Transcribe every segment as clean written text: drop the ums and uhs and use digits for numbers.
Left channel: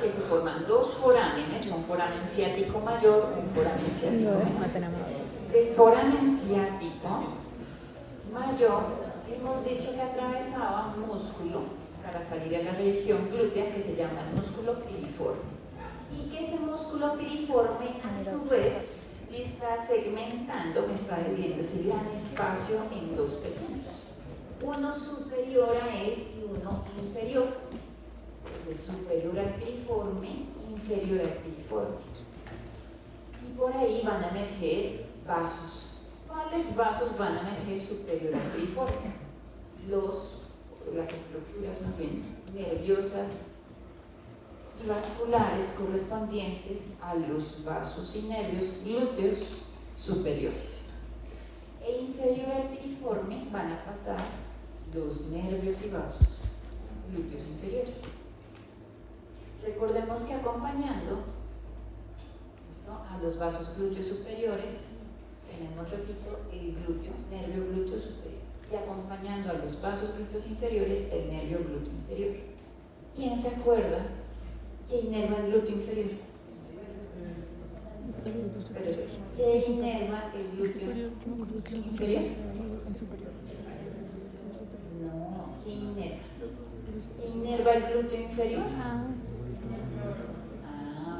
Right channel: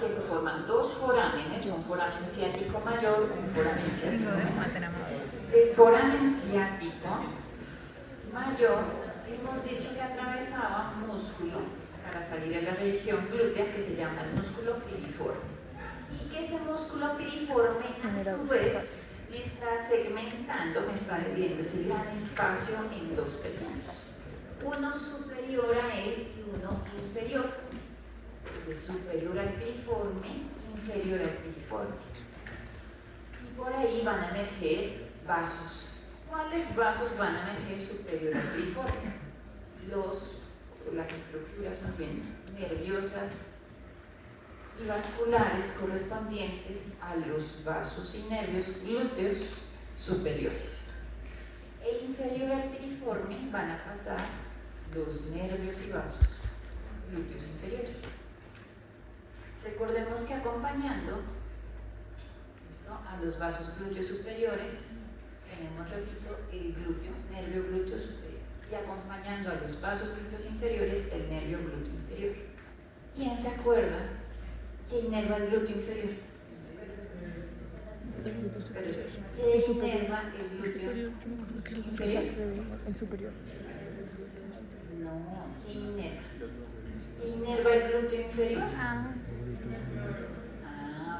que se forman dos forámenes, un foramen ciático mayor, un foramen ciático menor. El foramen ciático mayor, hemos dicho que atravesaba un músculo para salir a la región glútea que se llama el músculo piriforme. Y que ese músculo piriforme, a su vez, me está segmentando, me está dividiendo ese gran espacio en dos pequeños. Uno superior a él y uno inferior. Entonces, superior al piriforme, inferior al piriforme. Y por ahí van a emerger vasos. ¿Cuáles vasos van a emerger superior al piriforme? Las estructuras más bien nerviosas y vasculares correspondientes a los vasos y nervios glúteos superiores. E inferior al piriforme van a pasar los nervios y vasos glúteos inferiores. Recordemos que acompañando a los vasos glúteos superiores tenemos, repito, el glúteo, nervio glúteo superior, y acompañando a los vasos glúteos inferiores, el nervio glúteo inferior. ¿Quién se acuerda que inerva el glúteo inferior? ¿Qué inerva el glúteo inferior? No, ¿qué inerva? ¿Qué inerva el glúteo inferior?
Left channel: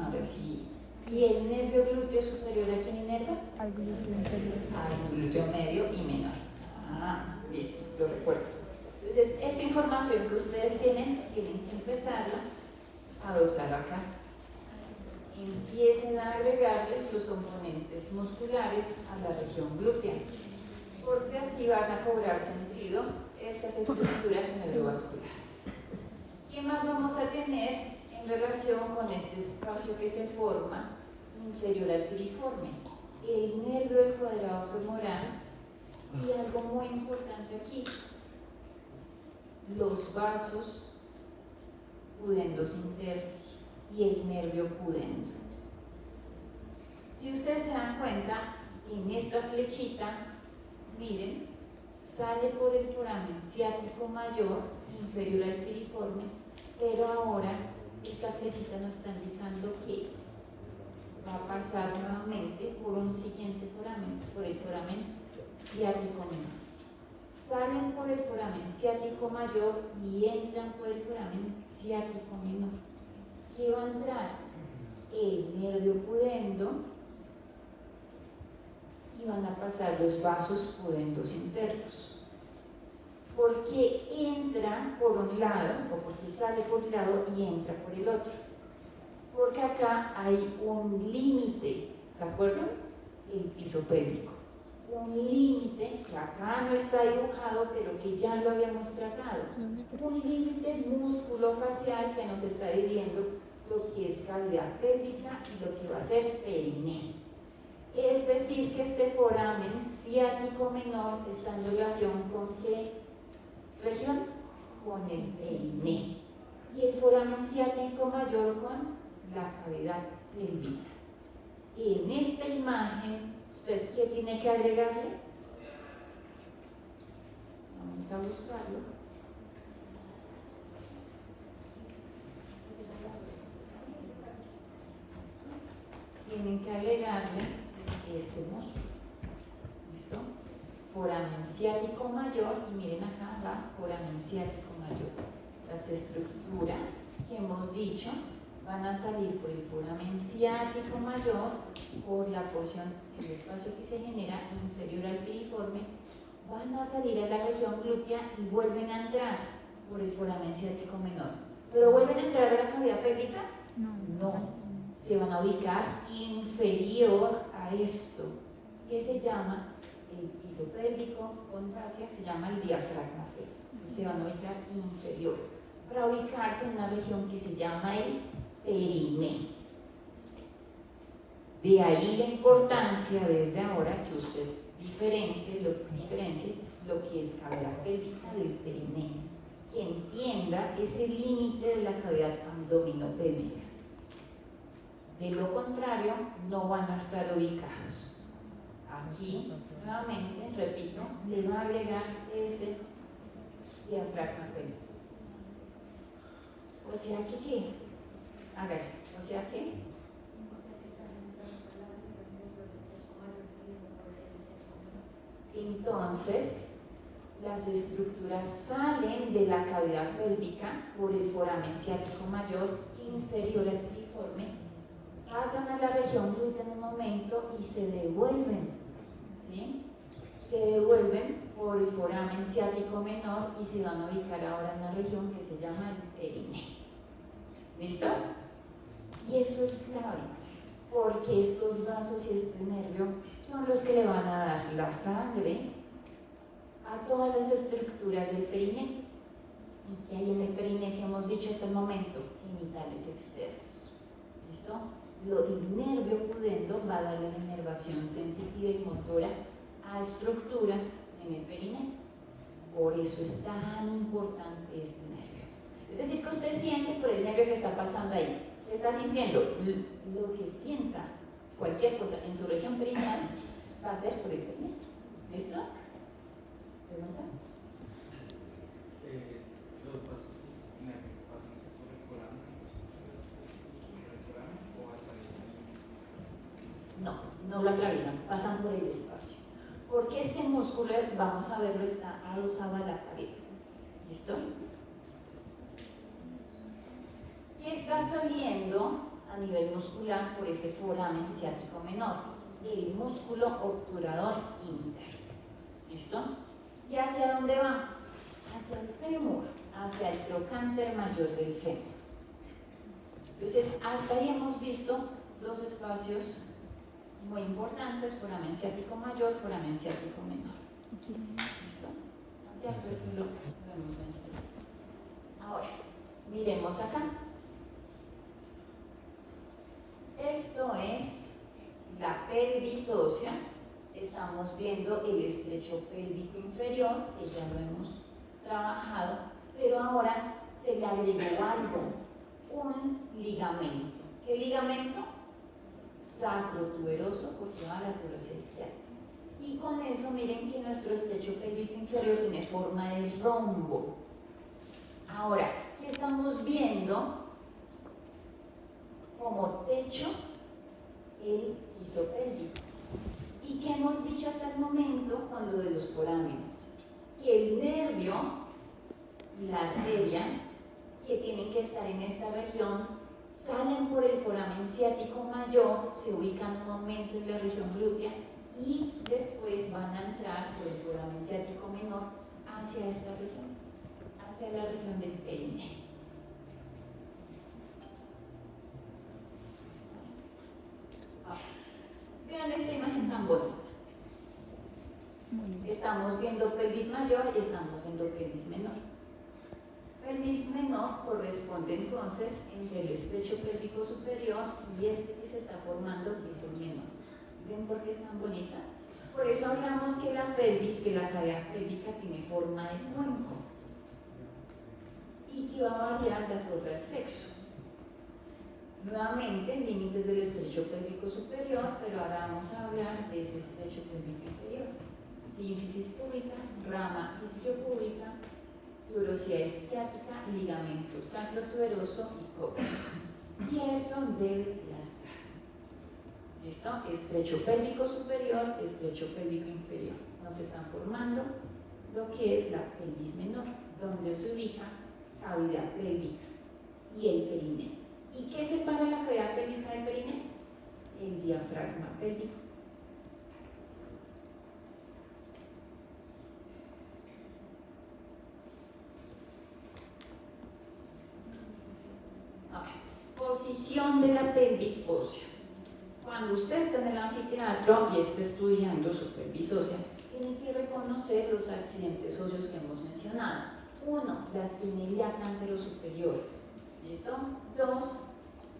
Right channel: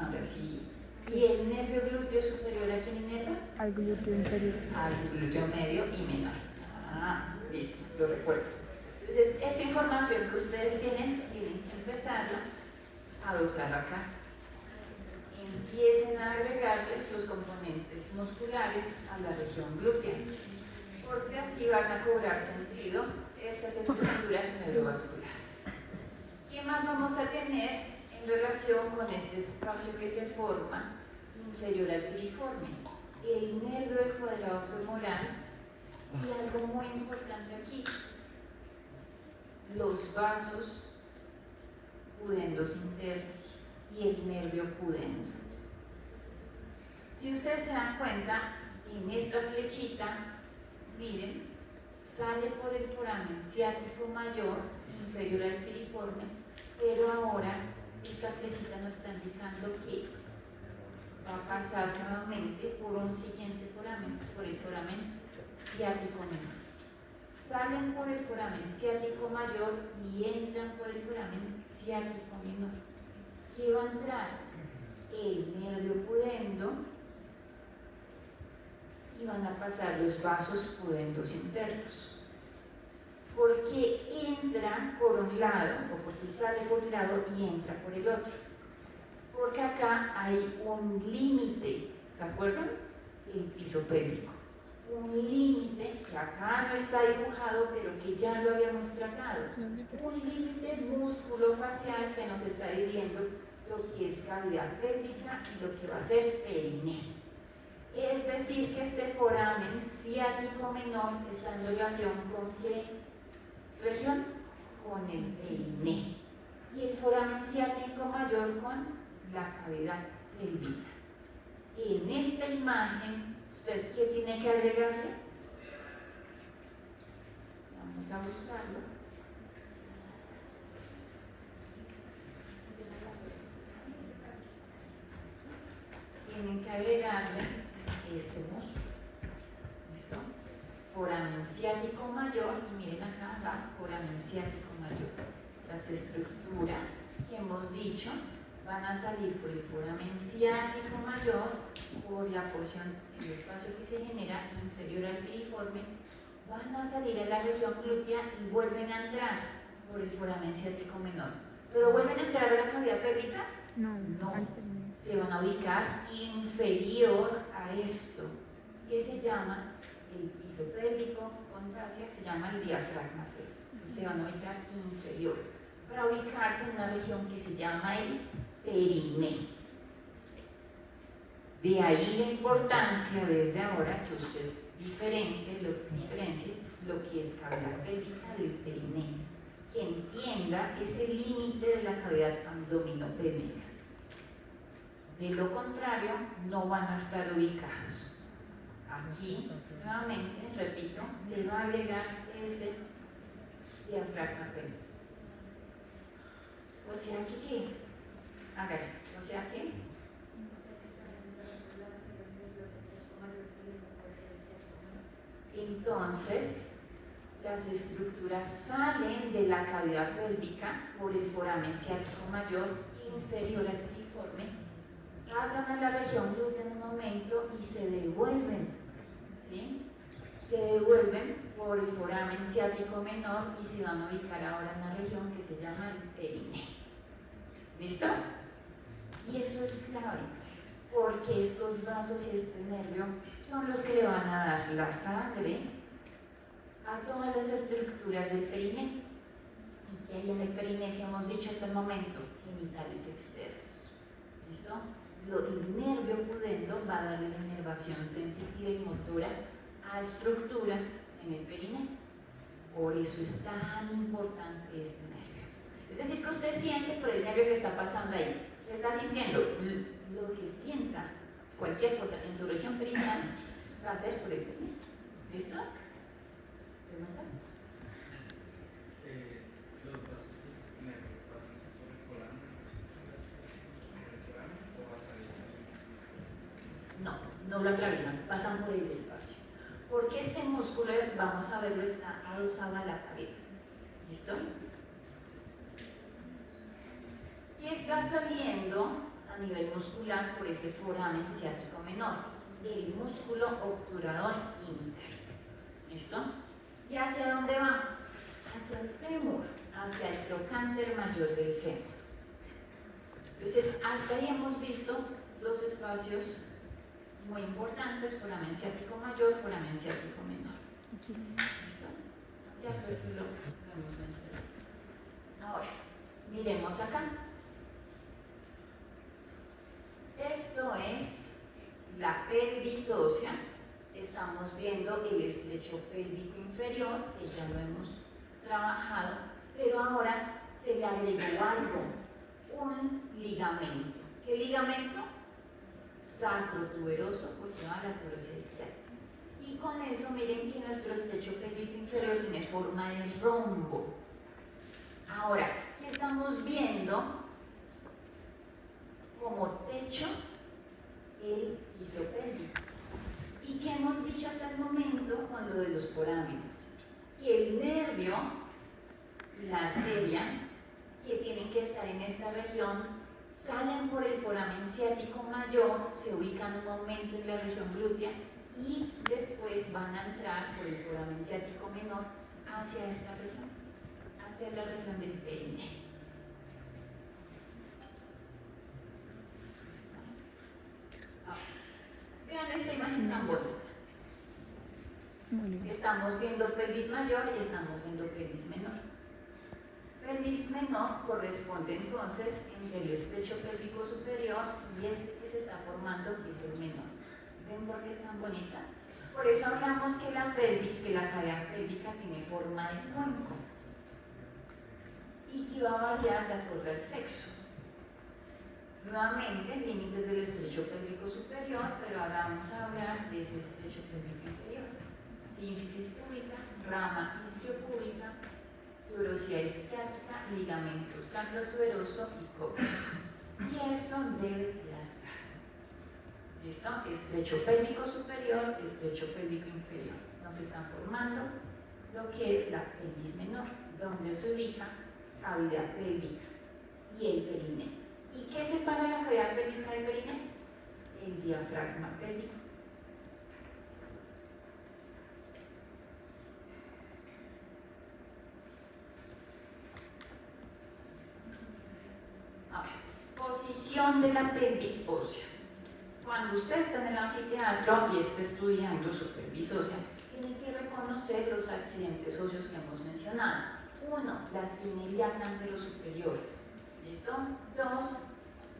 Ahora sí. ¿Y el nervio glúteo superior a quién inerva? Al glúteo inferior. Al glúteo medio y menor. Listo, lo recuerdo. Entonces, esa información que ustedes tienen que empezarla a dosar acá. Empiecen a agregarle los componentes musculares a la región glútea, porque así van a cobrar sentido estas estructuras neurovasculares. ¿Qué más vamos a tener en relación con este espacio que se forma inferior al piriforme? El nervio del cuadrado femoral y algo muy importante aquí, los vasos pudendos internos y el nervio pudendo. Si ustedes se dan cuenta, en esta flechita, miren, sale por el foramen ciático mayor, inferior al piriforme, pero ahora esta flechita nos está indicando que va a pasar nuevamente por un siguiente foramen, por el foramen ciático menor. Salen por el foramen ciático mayor y entran por el foramen ciático menor. ¿Qué va a entrar? El nervio pudendo y van a pasar los vasos pudendos internos. ¿Por qué entra por un lado o por qué sale por un lado y entra por el otro? Porque acá hay un límite, ¿se acuerdan? El piso pélvico. Un límite que acá no está dibujado, pero que ya lo habíamos tratado. Un límite músculo-facial que nos está diciendo lo que es cavidad pélvica y lo que va a ser periné. Es decir, que este foramen ciático menor está en relación con ¿qué región? Con el periné. Y el foramen ciático mayor con la cavidad pélvica. En esta imagen, ¿usted qué tiene que agregarle? Vamos a buscarlo. Tienen que agregarle este músculo. ¿Listo? Foramen ciático mayor, y miren acá va foramen ciático mayor. Las estructuras que hemos dicho van a salir por el foramen ciático mayor, por la porción, el espacio que se genera inferior al piriforme, van a salir a la región glútea y vuelven a entrar por el foramen ciático menor. ¿Pero vuelven a entrar a la cavidad pélvica? No. Se van a ubicar inferior a esto, que se llama el piso pélvico con fascia, se llama el diafragma pélvico. Se van a ubicar inferior, para ubicarse en una región que se llama el periné. De ahí la importancia desde ahora que usted diferencie lo que es cavidad pélvica del periné, que entienda ese límite de la cavidad abdominopélvica. De lo contrario, no van a estar ubicados. Aquí, nuevamente, repito, le va a agregar ese diafragma pélvico. O sea que, ¿qué? Hágale. O sea que entonces las estructuras salen de la cavidad pélvica por el foramen ciático mayor inferior al piriforme, pasan a la región glútea en un momento y se devuelven, ¿sí? Se devuelven por el foramen ciático menor y se van a ubicar ahora en una región que se llama el perineo. ¿Listo? Y eso es clave, porque estos vasos y este nervio son los que le van a dar la sangre a todas las estructuras del perineo. ¿Y qué hay en el perineo que hemos dicho hasta el momento? Genitales externos. ¿Listo? El nervio pudendo va a darle la inervación sensitiva y motora a estructuras en el perineo. Por eso es tan importante este nervio. Es decir, que usted siente por el nervio que está pasando ahí. Está sintiendo lo que sienta cualquier cosa en su región perineal va a ser por el perineo. ¿Listo? ¿Pregunta? Los vasos nervios pasan por el foramen o atraviesan. No lo atraviesan, pasan por el espacio. Porque este músculo, vamos a verlo, está adosado a la pared. ¿Listo? Y está saliendo a nivel muscular por ese foramen ciático menor, el músculo obturador interno. ¿Listo? ¿Y hacia dónde va? Hacia el fémur, hacia el trocánter mayor del fémur. Entonces, hasta ahí hemos visto dos espacios muy importantes: foramen ciático mayor, foramen ciático menor. ¿Listo? Ya pues lo hemos mencionado. Ahora, miremos acá. Esto es la pelvis ósea. Estamos viendo el estrecho pélvico inferior, que ya lo hemos trabajado, pero ahora se le agregó algo, un ligamento. ¿Qué ligamento? Sacrotuberoso por toda la tuberosidad izquierda. Y con eso miren que nuestro estrecho pélvico inferior tiene forma de rombo. Ahora, ¿qué estamos viendo como techo? El piso pélvico. ¿Y qué hemos dicho hasta el momento con lo de los forámenes? Que el nervio, la arteria, que tienen que estar en esta región, salen por el foramen ciático mayor, se ubican un momento en la región glútea y después van a entrar por el foramen ciático menor hacia esta región, hacia la región del perineo. Vean esta imagen tan bonita. Estamos viendo pelvis mayor y estamos viendo pelvis menor. Pelvis menor corresponde entonces entre el estrecho pélvico superior y este que se está formando, que es el menor. ¿Ven por qué es tan bonita? Por eso hablamos que la pelvis, que la cavidad pélvica tiene forma de cuenco y que va a variar de acuerdo al sexo. Nuevamente, límites del estrecho pélvico superior, pero ahora vamos a hablar de ese estrecho pélvico inferior. Sínfisis púbica, rama isquiopúbica, tuberosidad isquiática, ligamento sacrotuberoso y coxis. Y eso debe quedar claro. ¿Listo? Estrecho pélvico superior, estrecho pélvico inferior. Nos están formando lo que es la pelvis menor, donde se ubica cavidad pélvica y el perineo. ¿Y qué separa la cavidad pélvica del perineo? El diafragma pélvico. Posición de la pelvis ósea. Cuando usted está en el anfiteatro y está estudiando su pelvis ósea, tiene que reconocer los accidentes óseos que hemos mencionado. 1, la espina ilíaca anterosuperior. ¿Listo? 2,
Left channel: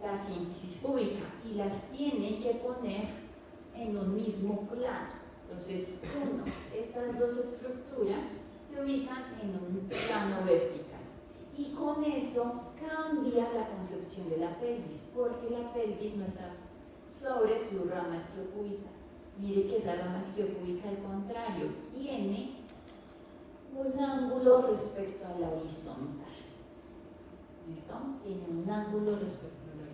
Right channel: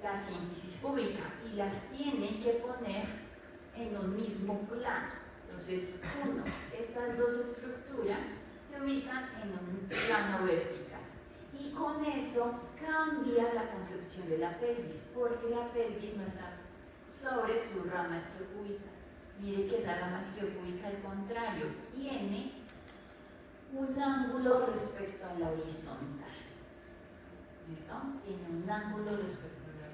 la sínfisis púbica, y las tiene que poner en un mismo plano. Entonces, 1, estas dos estructuras se ubican en un plano vertical. Y con eso cambia la concepción de la pelvis, porque la pelvis no está sobre su rama isquiopúbica. Mire que esa rama isquiopúbica, al contrario, tiene un ángulo respecto a la horizontal. ¿Listo? Tiene un ángulo respecto a la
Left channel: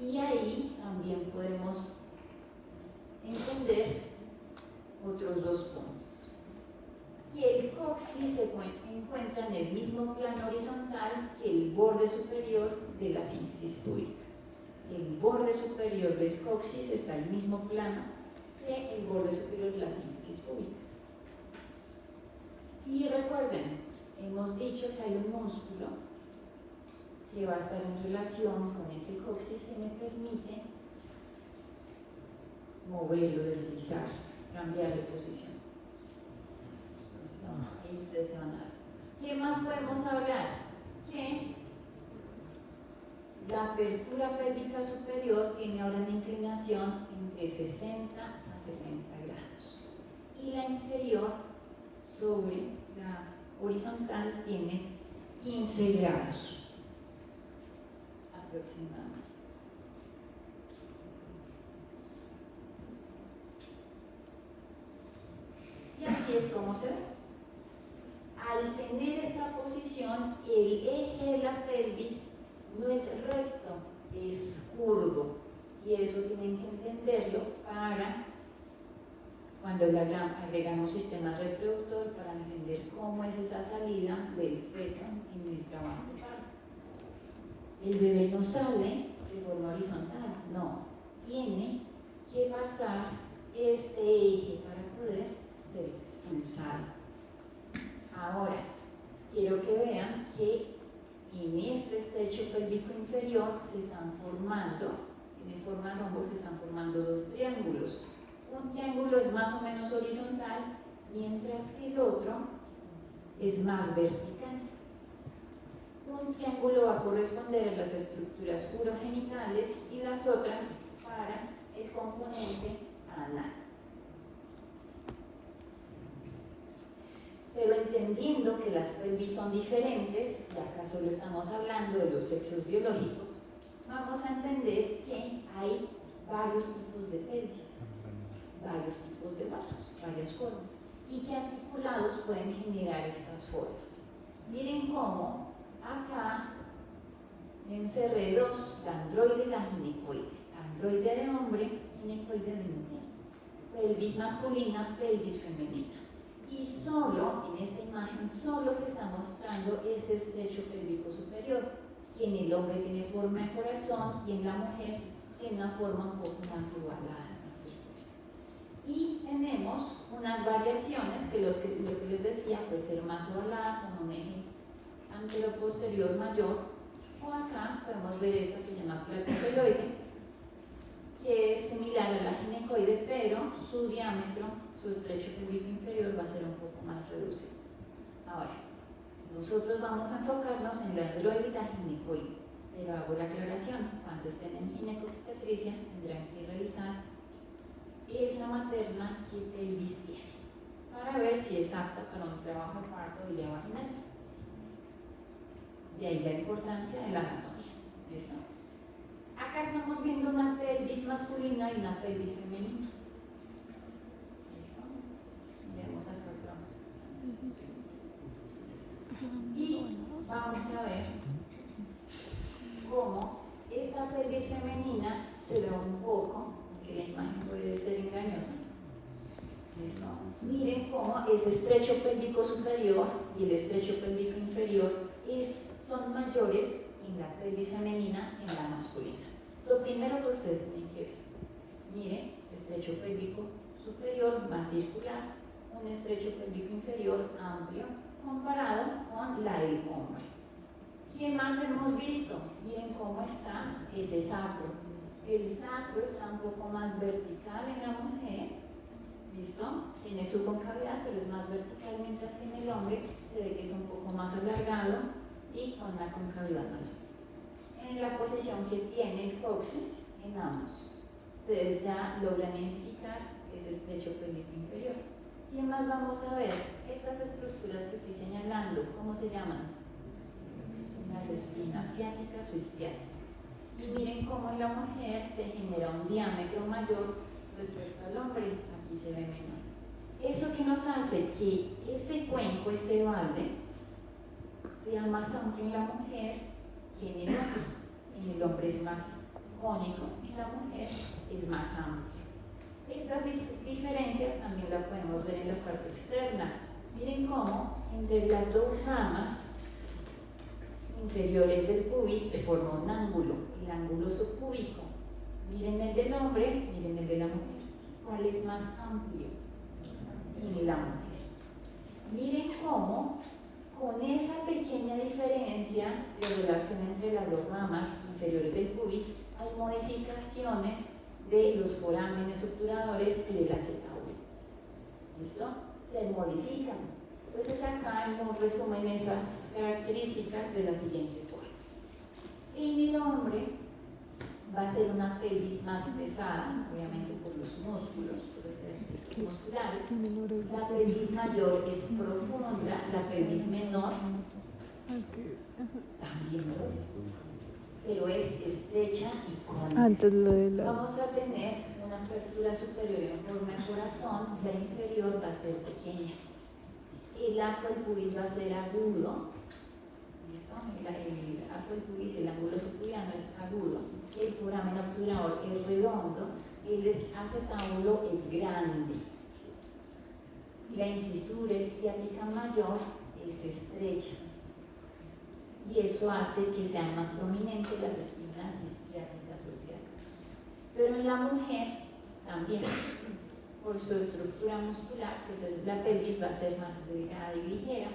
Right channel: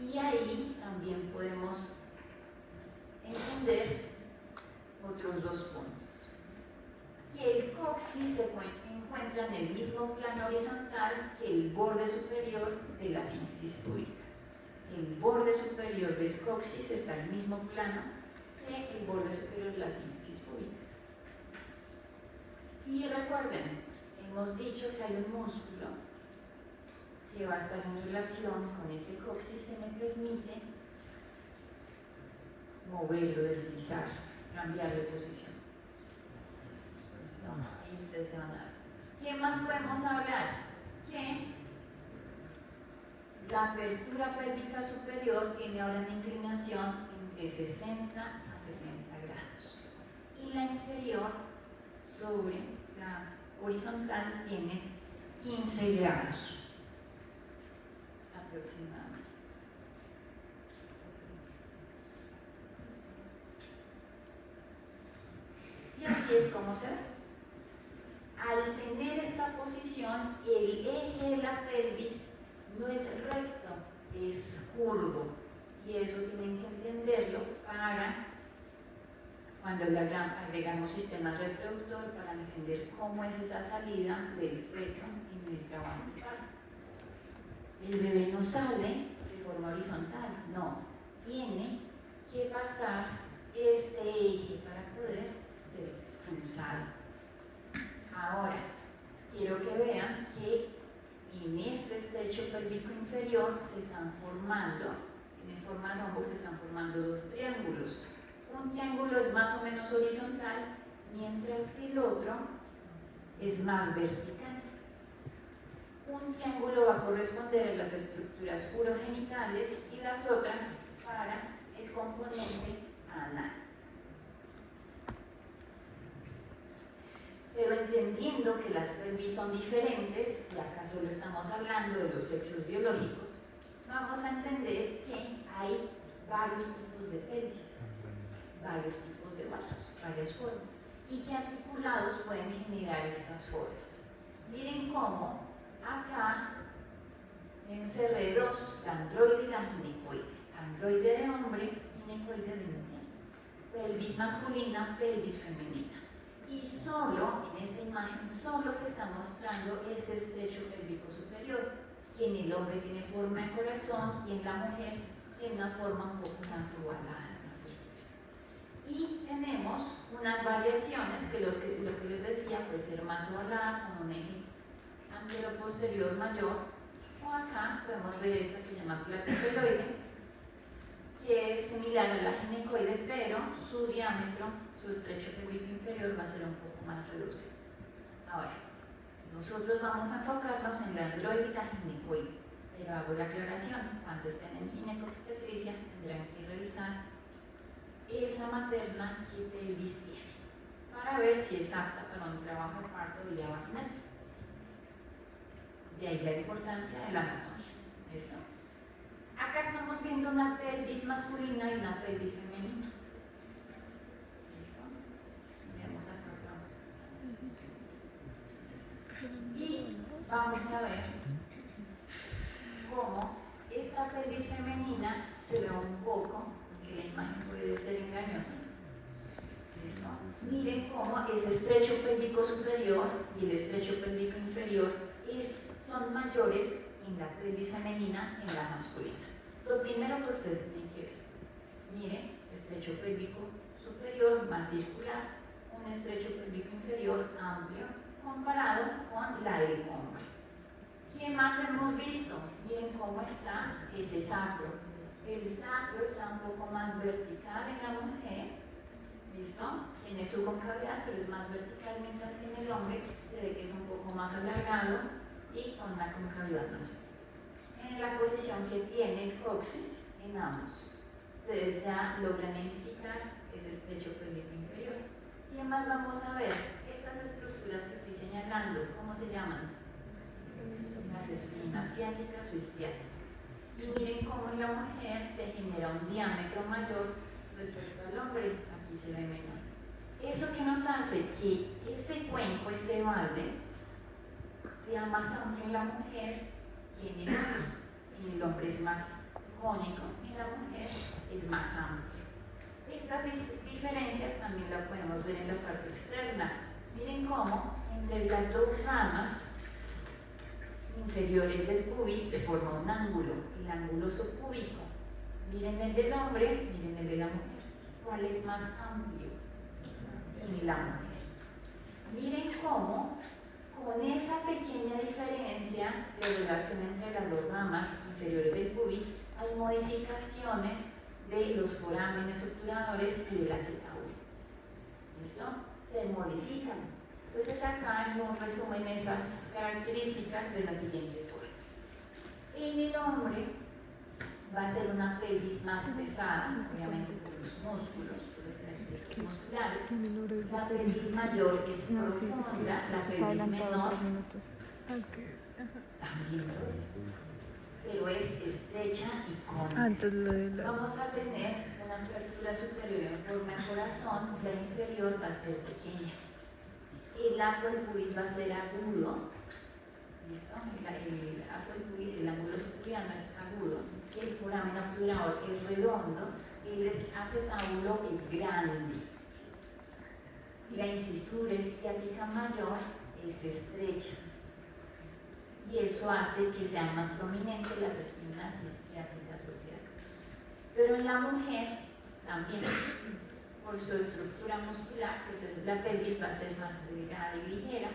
Y ahí también podemos entender otros dos puntos. Que el coxis se encuentra en el mismo plano horizontal que el borde superior de la síntesis púbica. El borde superior del coxis está en el mismo plano que el borde superior de la síntesis púbica. Y recuerden, hemos dicho que hay un músculo que va a estar en relación con ese coxis que me permite moverlo, deslizar, cambiar de posición. ¿Listo? Ahí ustedes se van a dar. ¿Qué más podemos hablar? Que la apertura pélvica superior tiene ahora una inclinación entre 60 a 70 grados. Y la inferior sobre la horizontal tiene 15 grados aproximadamente. Y así es como se ve. Al tener esta posición, el eje de la pelvis no es recto, es curvo. Y eso tienen que entenderlo para cuando agregamos sistema reproductor, para entender cómo es esa salida del feto en el trabajo de parto. El bebé no sale de forma horizontal, no. Tiene que pasar este eje para poder ser expulsado. Ahora, quiero que vean que en este estrecho pélvico inferior se están formando, en forma de rombo se están formando dos triángulos. Un triángulo es más o menos horizontal, mientras que el otro es más vertical. Un triángulo va a corresponder a las estructuras urogenitales y las otras para el componente anal. Pero entendiendo que las pelvis son diferentes, y acá solo estamos hablando de los sexos biológicos, vamos a entender que hay varios tipos de pelvis, varios tipos de vasos, varias formas, y que articulados pueden generar estas formas. Miren cómo acá encerré dos, la androide y la ginecoide. Androide de hombre, ginecoide de mujer. Pelvis masculina, pelvis femenina. Y solo, en esta imagen, solo se está mostrando ese estrecho pélvico superior, que en el hombre tiene forma de corazón y en la mujer tiene una forma un poco más ovalada. Y tenemos unas variaciones que lo que les decía puede ser más ovalada, con un eje antero-posterior mayor, o acá podemos ver esta que se llama platefeloide, que es similar a la ginecoide, pero su diámetro, su estrecho pélvico inferior va a ser un poco más reducido. Ahora, nosotros vamos a enfocarnos en la androide y la ginecoide, pero hago la aclaración, cuando estén en ginecobstetricia tendrán que revisar esa materna que pelvis tiene, para ver si es apta para un trabajo de parto vía vaginal. De ahí la importancia de la anatomía. ¿Listo? Acá estamos viendo una pelvis masculina y una pelvis femenina. ¿Listo? Miremos acá. Y vamos a ver cómo esta pelvis femenina se ve un poco, aunque la imagen puede ser engañosa. ¿Listo? Miren cómo ese estrecho pélvico superior y el estrecho pélvico inferior son mayores en la pelvis femenina que en la masculina. Lo primero que ustedes tienen que ver, miren, estrecho pélvico superior más circular, un estrecho pélvico inferior amplio comparado con la del hombre. ¿Qué más hemos visto? Miren cómo está ese sacro. El sacro está un poco más vertical en la mujer, ¿listo? Tiene su concavidad, pero es más vertical, mientras que en el hombre se ve que es un poco más alargado y con una concavidad mayor. En la posición que tiene el coxis en ambos, ustedes ya logran identificar ese estrecho pélvico inferior. ¿Qué más vamos a ver? Estas estructuras que estoy señalando, ¿cómo se llaman? Las espinas ciáticas o isquiáticas. Y miren cómo en la mujer se genera un diámetro mayor respecto al hombre, aquí se ve menor. Eso que nos hace que ese cuenco, ese balde, sea más amplio en la mujer que en el hombre. En el hombre es más cónico, en la mujer es más amplio. Estas diferencias también las podemos ver en la parte externa. Miren cómo entre las dos ramas inferiores del pubis se forma un ángulo, el ángulo subpúbico. Miren el del hombre, miren el de la mujer. ¿Cuál es más amplio? En la mujer. Miren cómo, con esa pequeña diferencia de relación entre las dos ramas inferiores del pubis, hay modificaciones de los forámenes obturadores y del acetábulo. ¿Listo? Se modifican. Entonces acá nos resumen esas características de la siguiente forma. En el hombre va a ser una pelvis más pesada, obviamente por los músculos, por las características musculares. La pelvis mayor es profunda, la pelvis menor también lo es, pero es estrecha y cónica. Vamos a tener una apertura superior en forma de corazón, la inferior va a ser pequeña. El arco del pubis va a ser agudo. ¿Listo? El arco del pubis, el ángulo subpubiano es agudo. El foramen obturador es redondo. El acetábulo es grande. La incisura esciática mayor es estrecha. Y eso hace que sean más prominentes las espinas isquiáticas o ciáticas. Pero en la mujer también, por su estructura muscular, pues la pelvis va a ser más delgada y ligera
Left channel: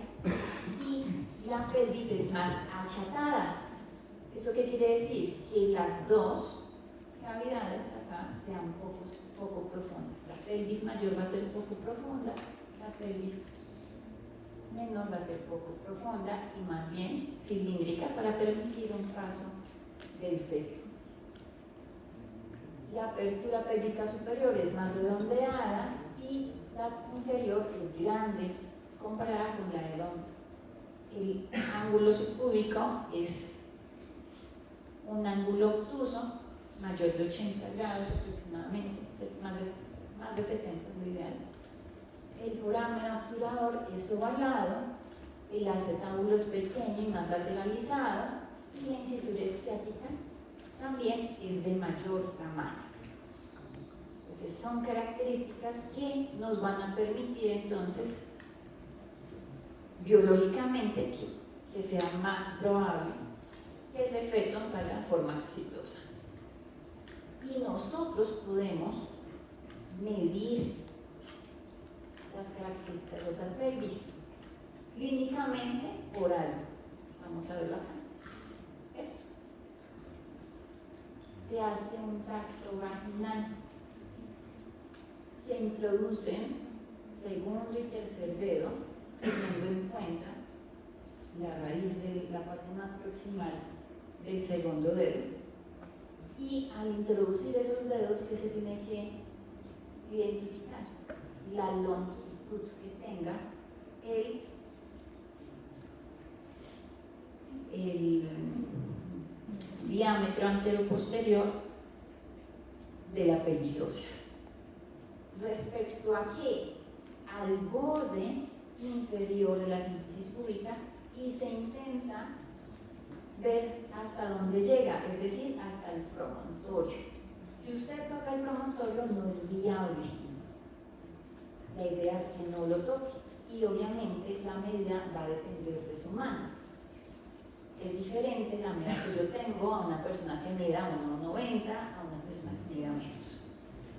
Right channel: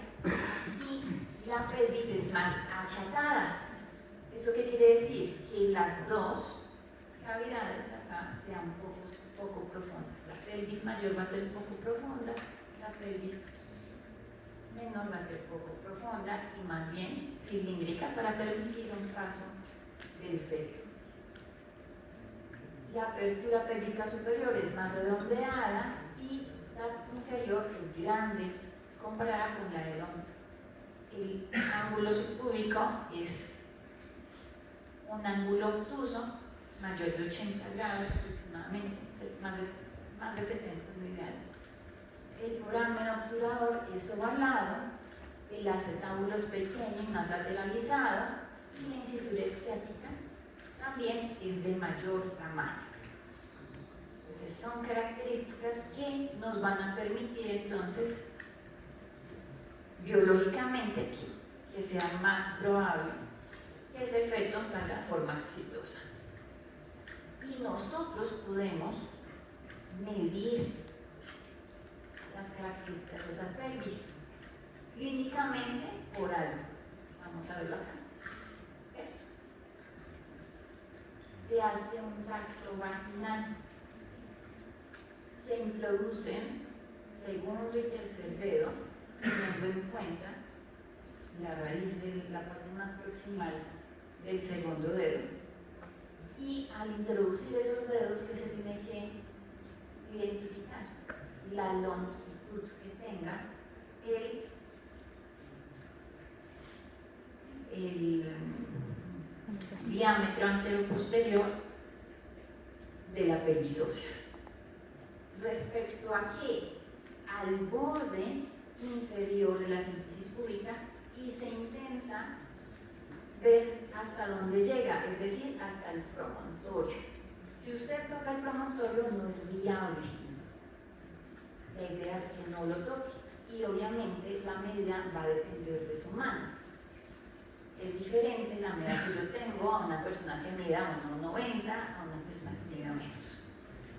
y la pelvis es más achatada. ¿Eso qué quiere decir? Que las dos cavidades acá sean poco profundas. La pelvis mayor va a ser poco profunda, la pelvis menor va a ser poco profunda y más bien cilíndrica para permitir un paso del feto. La apertura pélvica superior es más redondeada y la inferior es grande comparada con la del hombre. El ángulo subpúbico es un ángulo obtuso mayor de 80 grados aproximadamente, más de 70 es lo ideal. El foramen obturador es ovalado, el acetábulo es pequeño y más lateralizado y la incisura esciática también es de mayor tamaño. Entonces son características que nos van a permitir entonces biológicamente que sea más probable que ese feto salga de forma exitosa. Y nosotros podemos medir las características de esas pelvis clínicamente por algo. Vamos a verlo acá. Esto. Se hace un tacto vaginal. Se introducen segundo y tercer dedo, teniendo en cuenta la raíz de la parte más proximal del segundo dedo. Y al introducir esos dedos, ¿qué se tiene que identificar? La longitud que tenga el diámetro anteroposterior de la pelvis ósea. Respecto a qué? Al borde inferior de la síntesis púbica y se intenta ver hasta dónde llega, es decir, hasta el promontorio. Si usted toca el promontorio no es viable. La idea es que no lo toque y obviamente la medida va a depender de su mano. Es diferente la medida que yo tengo a una persona que mida 1,90 a una persona que mida menos.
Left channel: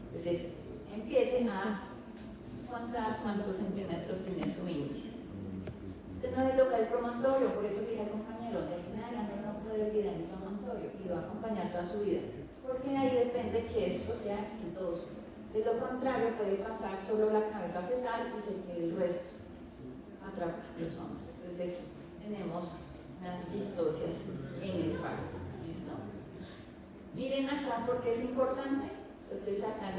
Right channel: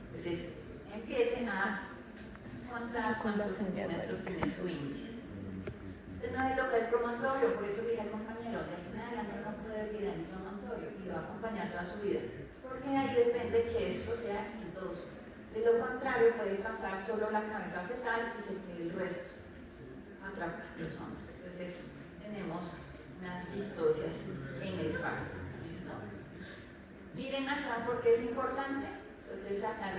Entonces, empiecen a contar cuántos centímetros tiene su índice. Usted no debe tocar el promontorio, por eso dije al compañero, de aquí en adelante no puede vivir en el promontorio y lo va a acompañar toda su vida, porque ahí depende que esto sea exitoso. De lo contrario, puede pasar solo la cabeza fetal y se quede el resto atrapar los hombros. Entonces, tenemos unas distocias en el parto. ¿Listo? Miren acá porque es importante. Entonces, acá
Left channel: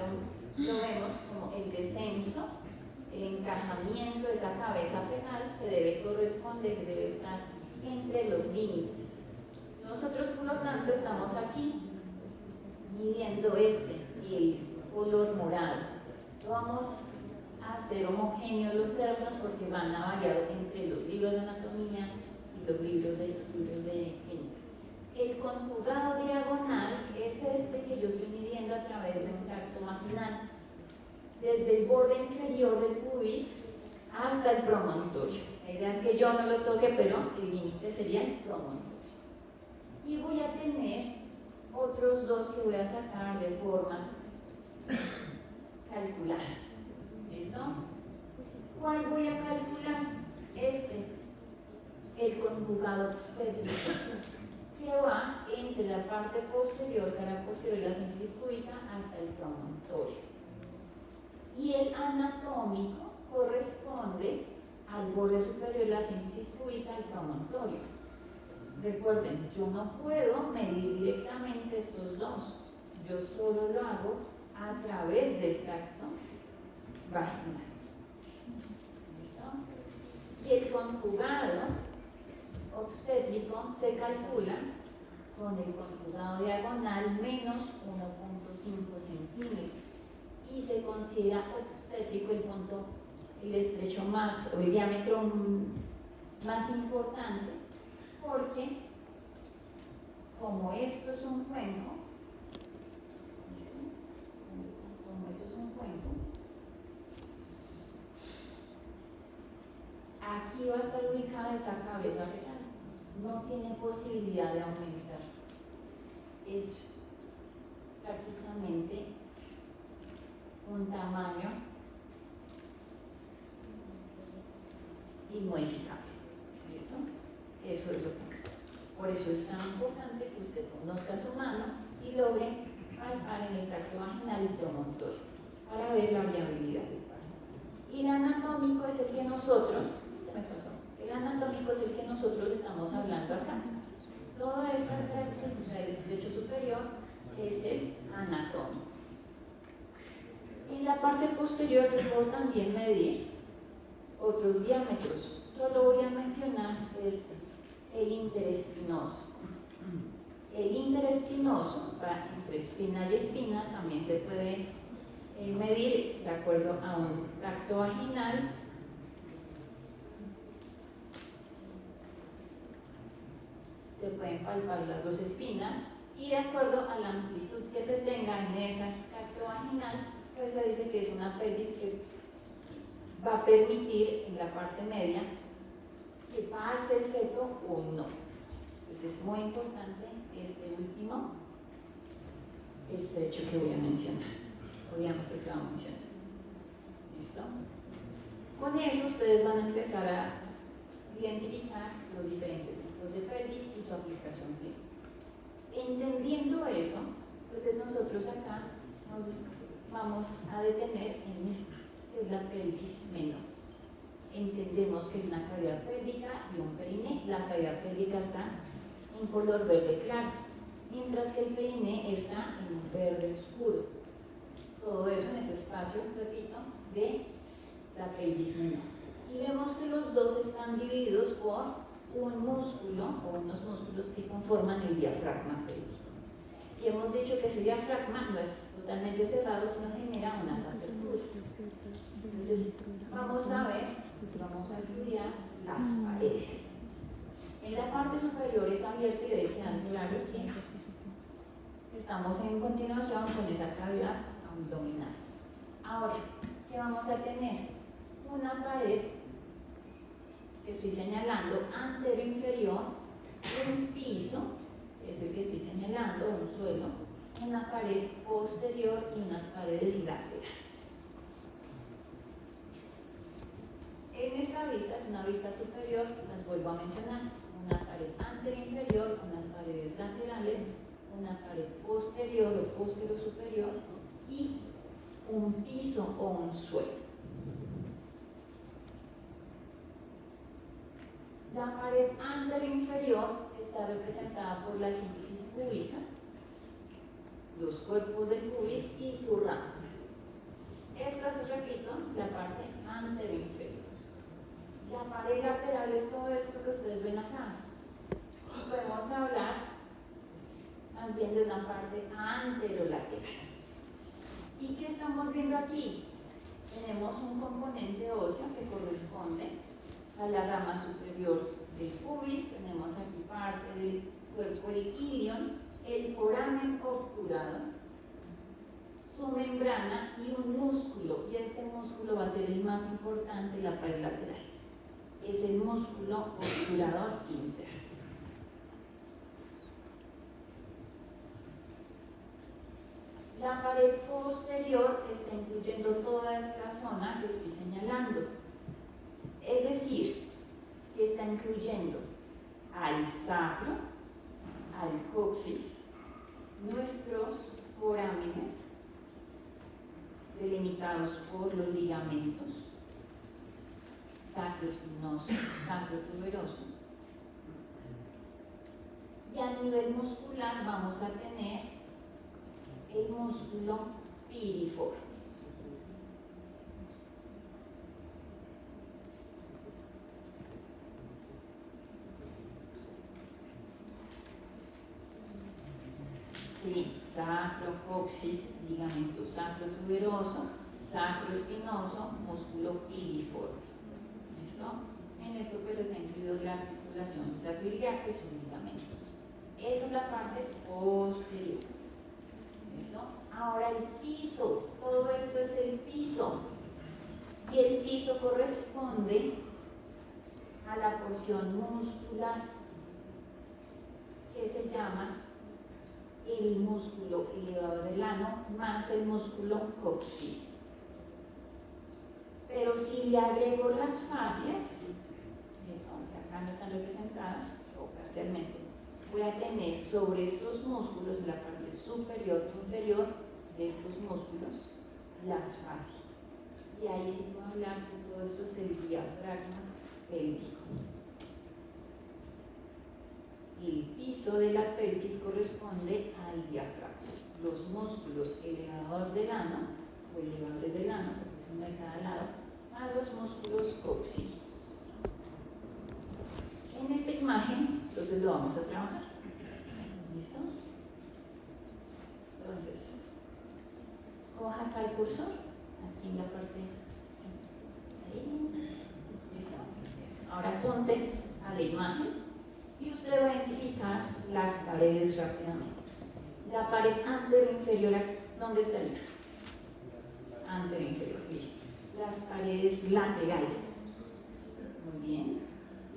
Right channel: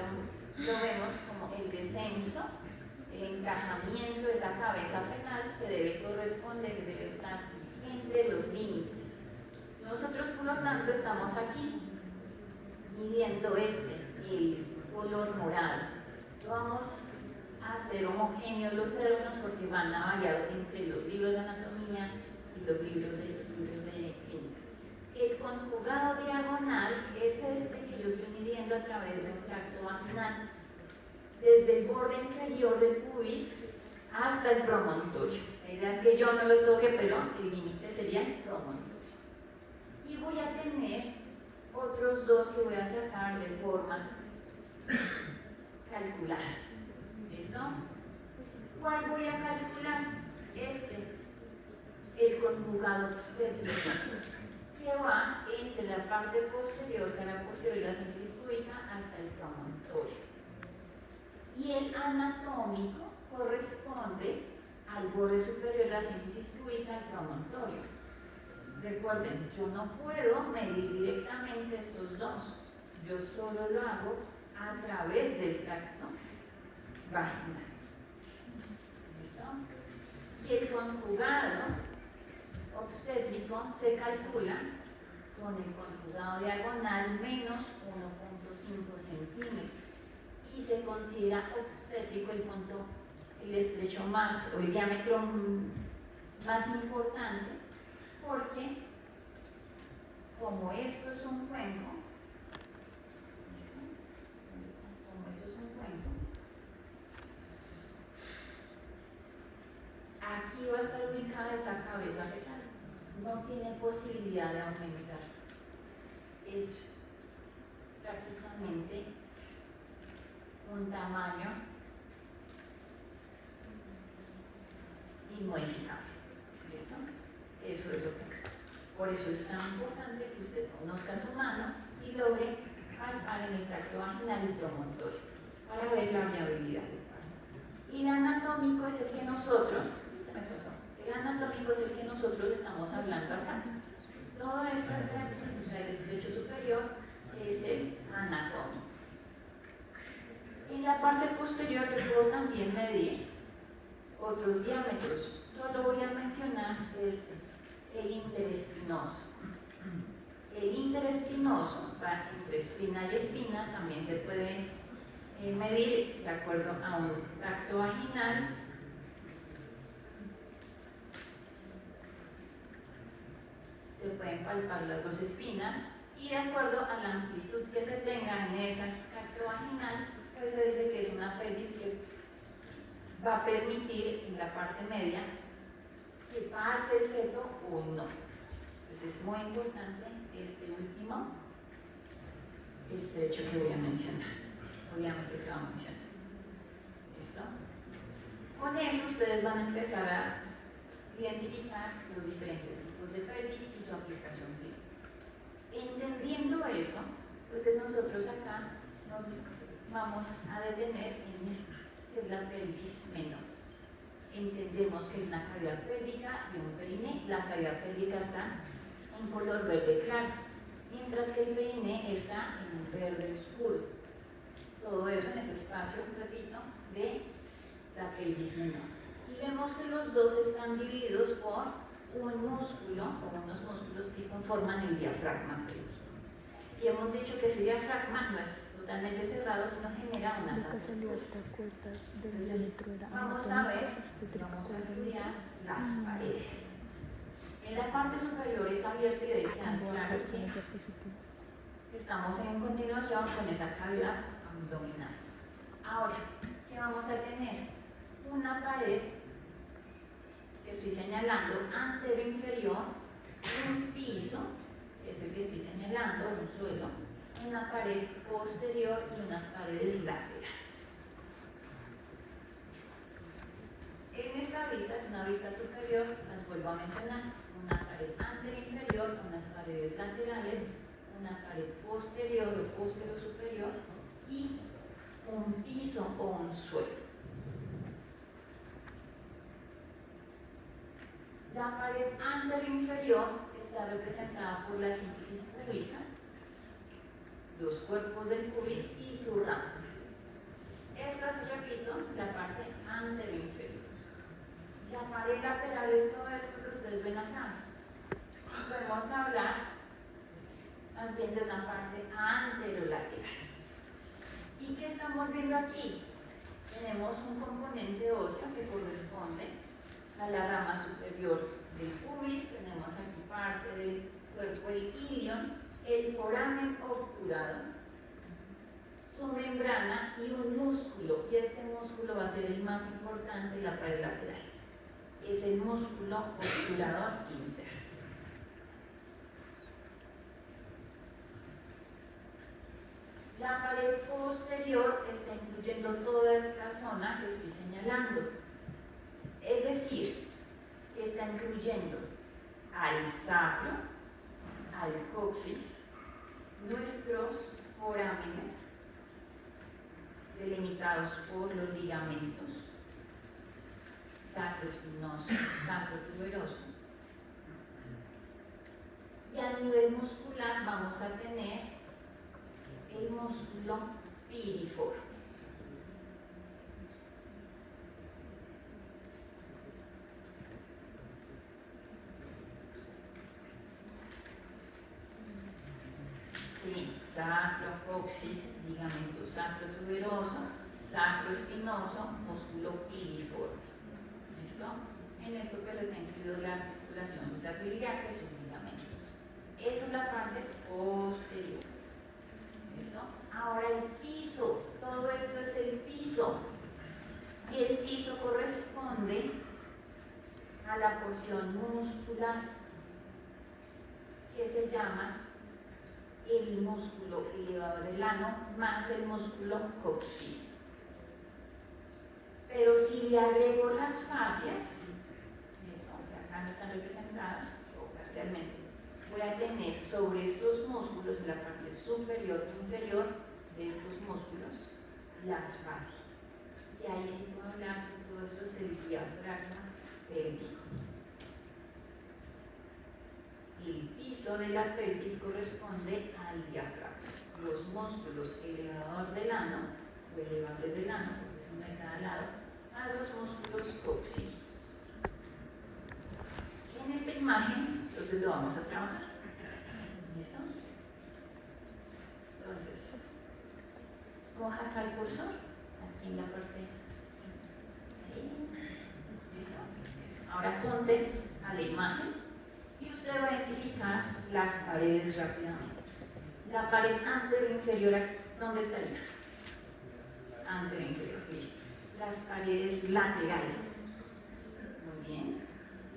lo vemos como el descenso, el encajamiento de esa cabeza fetal que debe corresponder, que debe estar entre los límites. Nosotros, por lo tanto, estamos aquí midiendo el color morado. Vamos a hacer homogéneos los términos porque van a variar entre los libros de anatomía y los libros de clínica. El conjugado diagonal es desde el borde inferior del pubis hasta el promontorio. La idea es que yo no lo toque, pero el límite sería el promontorio. Y voy a tener otros dos que voy a sacar de forma calcular. ¿Listo? ¿Cuál voy a calcular? El conjugado obstétrico, que va entre la parte posterior, cara posterior de la sínfisis púbica, hasta el promontorio. Y el anatómico corresponde al borde superior de la sínfisis púbica, al promontorio. Recuerden, yo no puedo medir directamente estos dos, yo solo lo hago a través del tracto vaginal. ¿Listo? Y el conjugado obstétrico se calcula con el conjugado diagonal menos 1.5 centímetros y se considera obstétrico el estrecho más, o el diámetro más importante, porque como esto es un cuenco, ¿listo? Como esto es un cuenco, aquí va a estar ubicada esa cabeza fetal. No tiene posibilidad de aumentar. Es prácticamente un tamaño inmodificable. ¿Listo? Eso es lo que. Por eso es tan importante que usted conozca su mano y logre palpar en el tracto vaginal y promontorio para ver la viabilidad del parto. Y el anatómico es el que nosotros, el anatómico es el que nosotros estamos hablando acá. Toda esta característica del estrecho superior es el anatómico. En la parte posterior yo puedo también medir otros diámetros. Solo voy a mencionar el interespinoso. El interespinoso, entre espina y espina, también se puede medir de acuerdo a un tracto vaginal. Se pueden palpar las dos espinas y de acuerdo a la amplitud que se tenga en ese tracto vaginal, pues se dice que es una pelvis que va a permitir en la parte media que pase el feto o no. Entonces es muy importante este último estrecho que voy a mencionar, o diámetro que voy a mencionar. ¿Listo? Con eso ustedes van a empezar a identificar los diferentes tipos de pelvis y su aplicación clínica. Entendiendo eso, entonces nosotros acá nos vamos a detener en esta, que es la pelvis menor. Entendemos que es una cavidad pélvica y un periné. La cavidad pélvica está en color verde claro, mientras que el periné está en un verde oscuro. Todo eso en ese espacio, repito, de la pelvis menor. Y vemos que los dos están divididos por un músculo o unos músculos que conforman el diafragma pélvico. Y hemos dicho que ese diafragma no es totalmente cerrado, sino genera unas aperturas. Entonces, vamos a estudiar las paredes. En la parte superior es abierto y debe quedar claro que estamos en continuación con esa cavidad abdominal. Ahora, ¿qué vamos a tener? Una pared que estoy señalando antero-inferior, un piso, que es el que estoy señalando, un suelo, una pared posterior y unas paredes laterales. En esta vista, es una vista superior, las vuelvo a mencionar, una pared antero-inferior, unas paredes laterales, una pared posterior o posterior-superior y un piso o un suelo. La pared antero-inferior está representada por la sínfisis púbica, los cuerpos del pubis y su ramas. Esta es, repito, la parte antero-inferior. La pared lateral es todo esto que ustedes ven acá. Podemos hablar más bien de una parte anterolateral. ¿Y qué estamos viendo aquí? Tenemos un componente óseo que corresponde a la rama superior del pubis, tenemos aquí parte del cuerpo del ilion, el foramen obturado, su membrana y un músculo, y este músculo va a ser el más importante, la pared lateral. Es el músculo obturador interno. La pared posterior está incluyendo toda esta zona que estoy señalando. Es decir, que está incluyendo al sacro, al coxis, nuestros forámenes, delimitados por los ligamentos, sacroespinoso, sacrotuberoso. Y a nivel muscular vamos a tener el músculo piriforme. Sí, sacro, coxis, ligamento sacrotuberoso, sacroespinoso, músculo piriforme. ¿Listo? En esto pues está incluido la articulación sacroiliaca y sus ligamentos. Esa es la parte posterior. ¿Listo? Ahora el piso, todo esto es el piso. Y el piso corresponde a la porción muscular que se llama el músculo elevador del ano más el músculo coxil. Pero si le agrego las fascias, acá no están representadas o parcialmente, voy a tener sobre estos músculos, en la parte superior e inferior de estos músculos, las fascias. Y ahí sí puedo hablar que todo esto es el diafragma pélvico. El piso de la pelvis corresponde al diafragma. Los músculos elevador del ano, o elevadores del ano, porque son de cada lado, a los músculos coxígeos. En esta imagen, entonces lo vamos a trabajar. ¿Listo? Entonces, coja acá el cursor, aquí en la parte. Ahí. ¿Listo? Ahora apunte a la imagen. Y usted va a identificar las paredes rápidamente. La pared antero-inferior, ¿dónde estaría? Antero-inferior, listo. Las paredes laterales. Muy bien.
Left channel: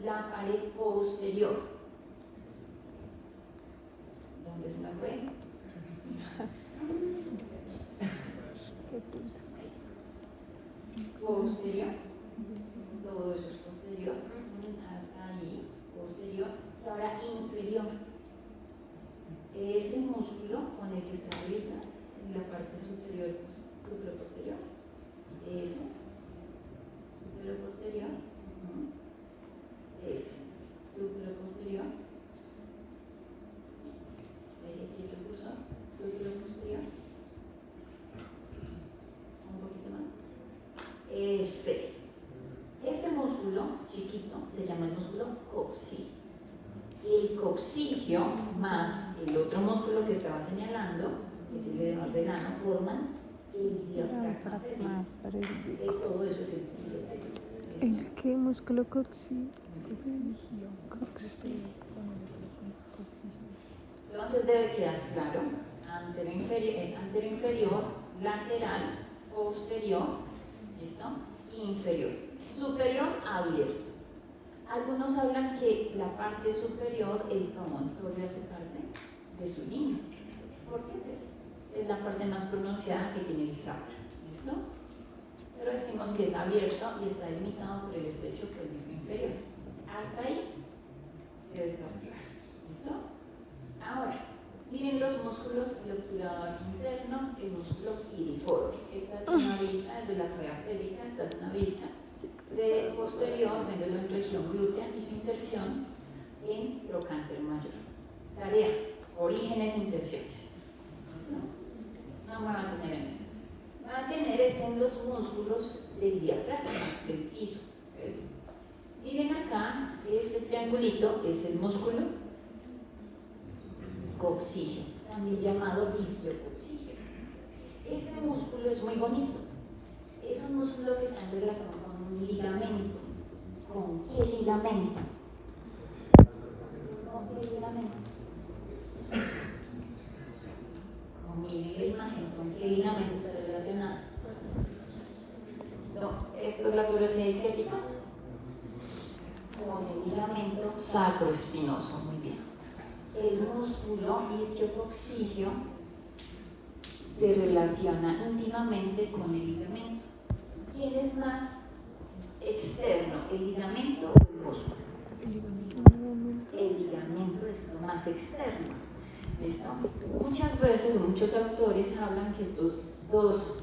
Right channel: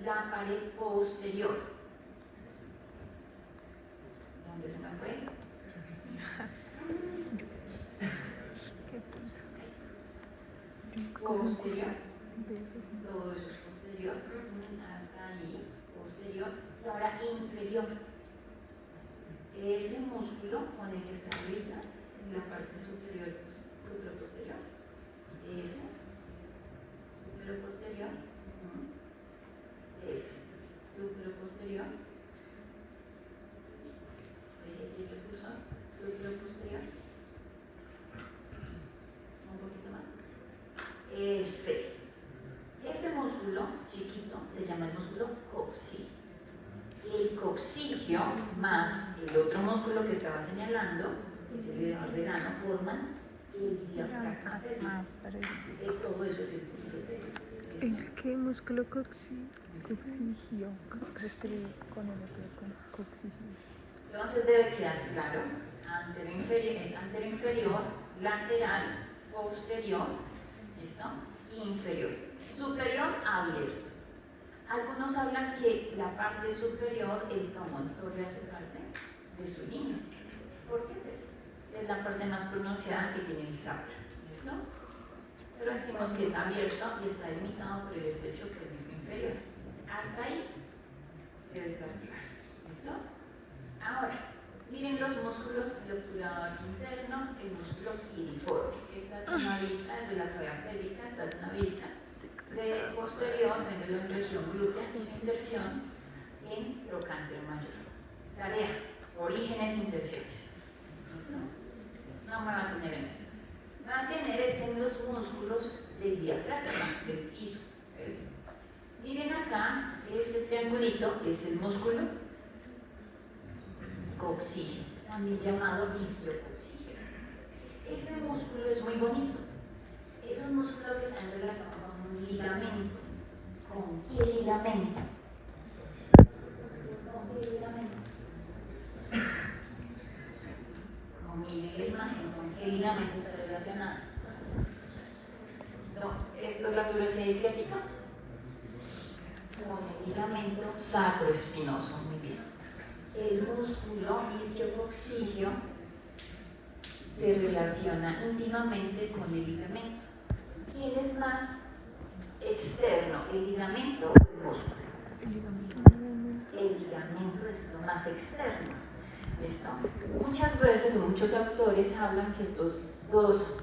La pared posterior. ¿Dónde se me fue? Posterior. Todo eso es posterior. Hasta ahí. Posterior. Y ahora inferior. Ese músculo con el que está arriba en la parte superior, supraposterior. Ese, supraposterior. Ese, supraposterior. Deje aquí el cursor. Supraposterior. Un poquito más. Ese músculo chiquito se llama el músculo coxígeo. El coxígeo más el otro músculo que estaba señalando, que es el elevador del ano, forman el diafragma pélvico. Todo eso es el piso pélvico. ¿El qué músculo coxígeo? Entonces debe quedar claro: antero inferior, lateral, posterior, ¿listo? Inferior. Superior abierto. Algunos hablan que la parte superior, el promontorio, hace parte de su límite. ¿Por qué? Pues es la parte más pronunciada que tiene el sacro. ¿Listo? Pero decimos que es abierto y está limitado por el estrecho pélvico inferior. Hasta ahí debe estar claro. ¿Listo? Ahora, miren los músculos de obturador interno, el músculo piriforme. Esta es una vista desde la cavidad pélvica, esta es una vista de posterior, viéndolo en región glútea y su inserción en trocánter mayor. Tarea: orígenes e inserciones. No me voy a tener en eso. Me voy a tener es en los músculos del diafragma, del piso. Miren acá, este triangulito es el músculo coxígeo, también llamado isquiocoxígeo. Este músculo es muy bonito. Es un músculo que está en relación con un ligamento. ¿Con qué ligamento? ¿Con qué ligamento? Miren la imagen, ¿con qué ligamento está relacionado? esto es la tuberosidad isquiática? Con el ligamento sacroespinoso, muy bien. El músculo isquiococcigio se relaciona íntimamente con el ligamento. ¿Quién es más externo, el ligamento o el músculo? El ligamento es lo más externo. ¿Listo? Muchas veces o muchos autores hablan que estas dos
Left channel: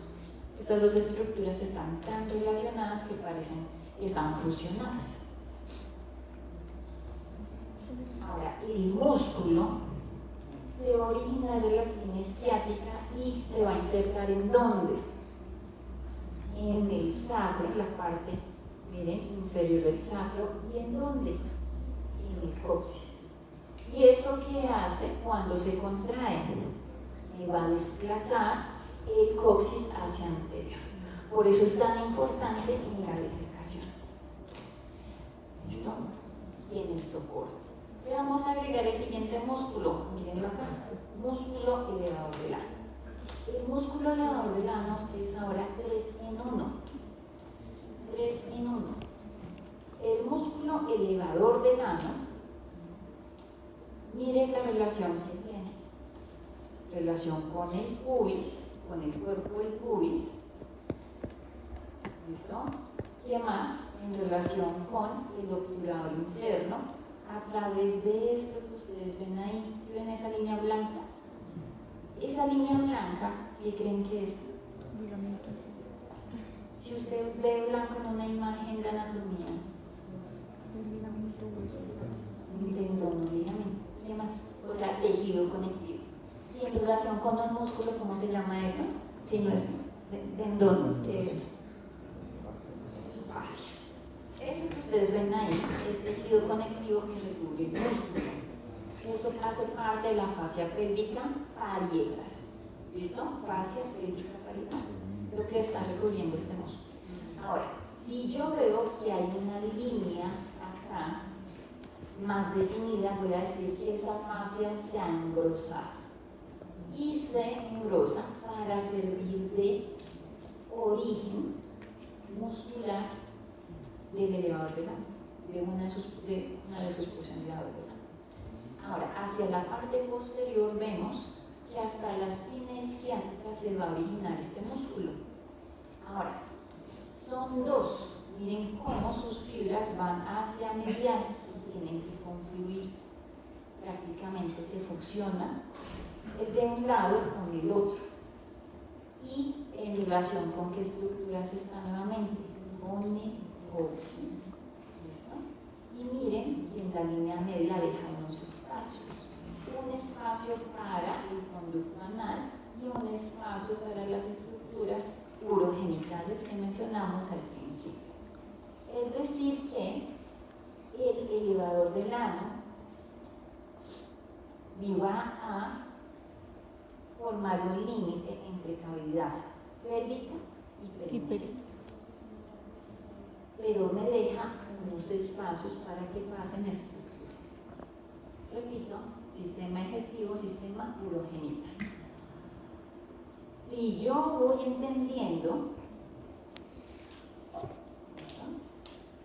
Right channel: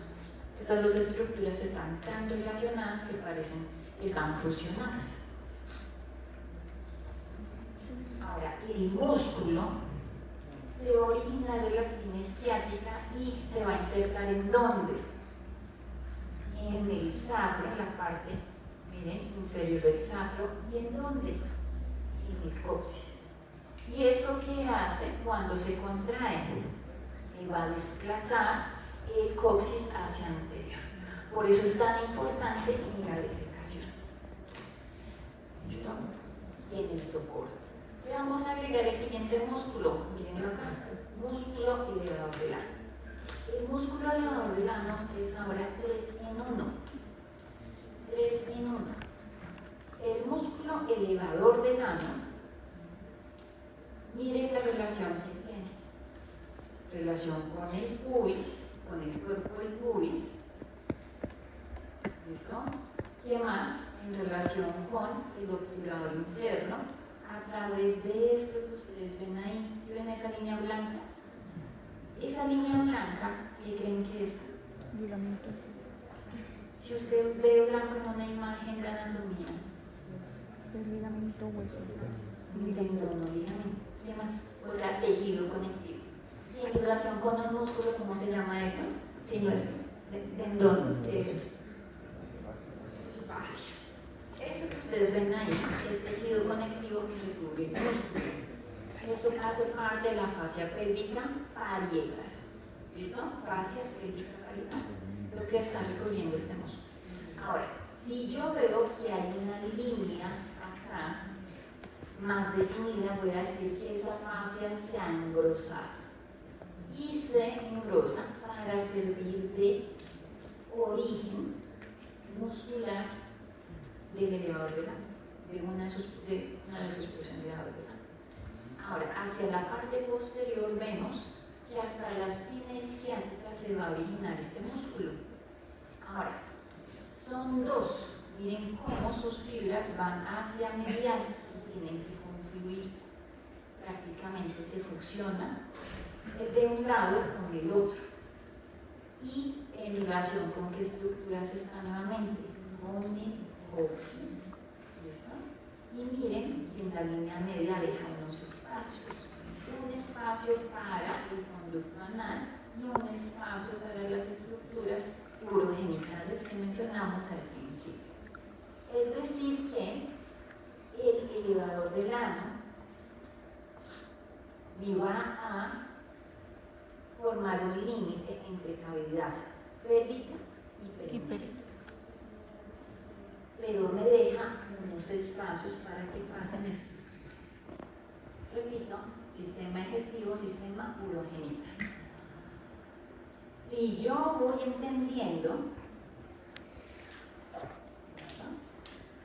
estructuras están tan relacionadas que parecen que están fusionadas. Ahora, el músculo se va a originar de la espina isquiática y se va a insertar ¿en dónde? En el sacro, en la parte, miren, inferior del sacro. ¿Y en dónde? En el coxis. ¿Y eso qué hace cuando se contrae? Va a desplazar el coxis hacia anterior. Por eso es tan importante en la defecación. ¿Listo? Y en el soporte. Le vamos a agregar el siguiente músculo. Mírenlo acá. Músculo elevador del ano. El músculo elevador del ano es ahora 3 en 1. 3 en 1. El músculo elevador del ano, miren la relación que tiene. Relación con el pubis, con el cuerpo del pubis. ¿Listo? ¿Qué más? En relación con el obturador interno, a través de esto que ustedes ven ahí. ¿Ven esa línea blanca? Esa línea blanca, ¿qué creen que es? Si usted ve blanco en una imagen de anatomía, tendón, ligamento, ¿qué más? O sea, tejido conectivo. Y en relación con el músculo, ¿cómo se llama eso? Si no es tendón, es fascia. Eso que ustedes ven ahí es tejido conectivo que recubre el músculo. Eso hace parte de la fascia pélvica parietal. ¿Listo? Fascia pélvica parietal. Lo que está recubriendo este músculo. Ahora, si yo veo que hay una línea acá más definida, voy a decir que esa fascia se ha engrosado. Y se engrosa para servir de origen muscular del elevador del ano, de una de sus porciones elevador del ano. Ahora, hacia la parte posterior vemos que hasta la espina isquiática se va a originar este músculo. Ahora, son dos. Miren cómo sus fibras van hacia medial y tienen que confluir. Prácticamente se fusiona de un lado con el otro. Y en relación con qué estructuras está nuevamente, con el coxis. ¿Listo? Y miren que en la línea media deja unos espacios. Un espacio para el conducto anal y un espacio para las estructuras urogenitales que mencionamos al principio. Es decir que el elevador del ano va a formar un límite entre cavidad pélvica y perineal. Pero me deja unos espacios para que pasen estructuras. Repito, sistema digestivo, sistema urogenital. Si yo voy entendiendo,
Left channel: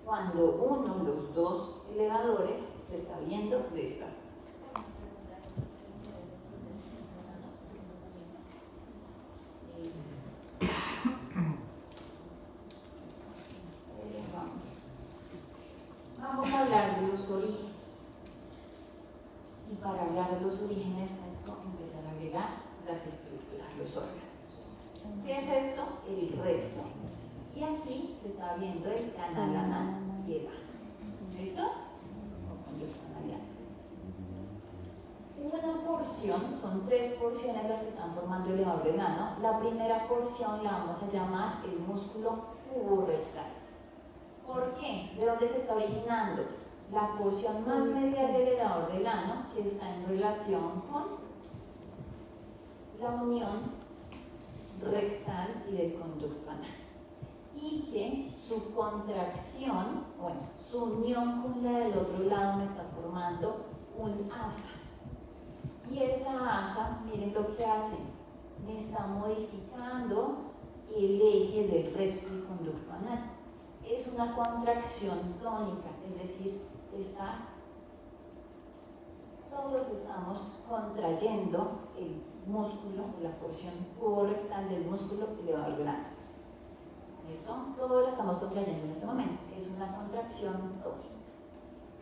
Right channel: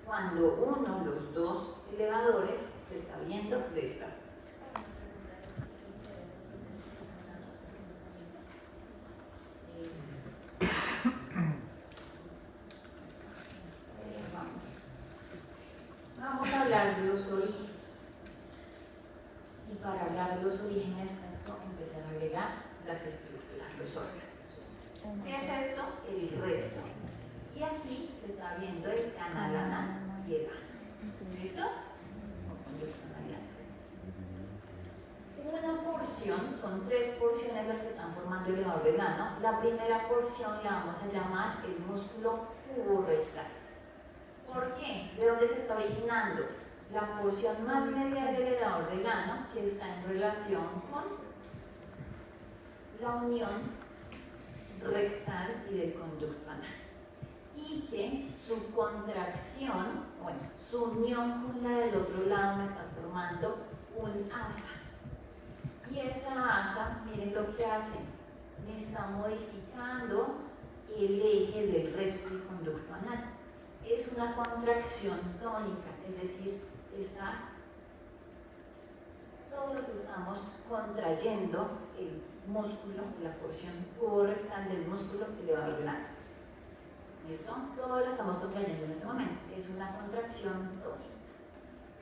cuando uno, los dos elevadores, se está viendo de esta forma. Vamos a hablar de los orígenes. Y para hablar de los orígenes, esto empezar a agregar las estructuras, los órganos. ¿Qué es esto? El recto. Y aquí se está viendo el canal anal y el ano. ¿Listo? Una porción, son 3 porciones las que están formando el elevador del ano. La primera porción la vamos a llamar el músculo puborectal. ¿Por qué? ¿De dónde se está originando? La porción más medial del elevador del ano, que está en relación con la unión rectal y del conducto anal. Y que su contracción, bueno, su unión con la del otro lado me está formando un asa. Y esa asa, miren lo que hace, me está modificando el eje del recto y conducto anal. es una contracción tónica, es decir, todos estamos contrayendo el músculo, la porción rectal del músculo elevador grande. ¿Listo? Todo lo estamos contrayendo en este momento, es una contracción tónica.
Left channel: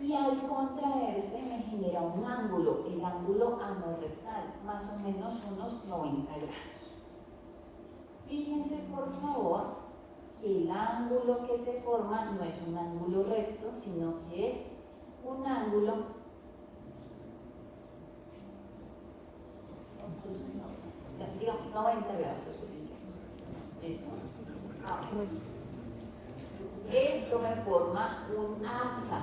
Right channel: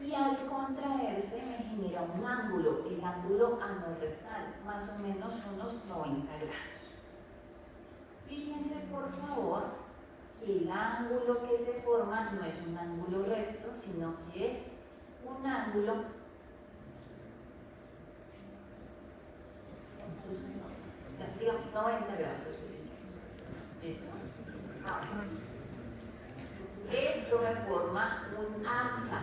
Y al contraerse me genera un ángulo, el ángulo anorrectal, más o menos unos 90 grados. Fíjense por favor que el ángulo que se forma no es un ángulo recto, sino que es un ángulo, digamos 90 grados específicos. ¿Listo? Ahora, esto me forma un asa,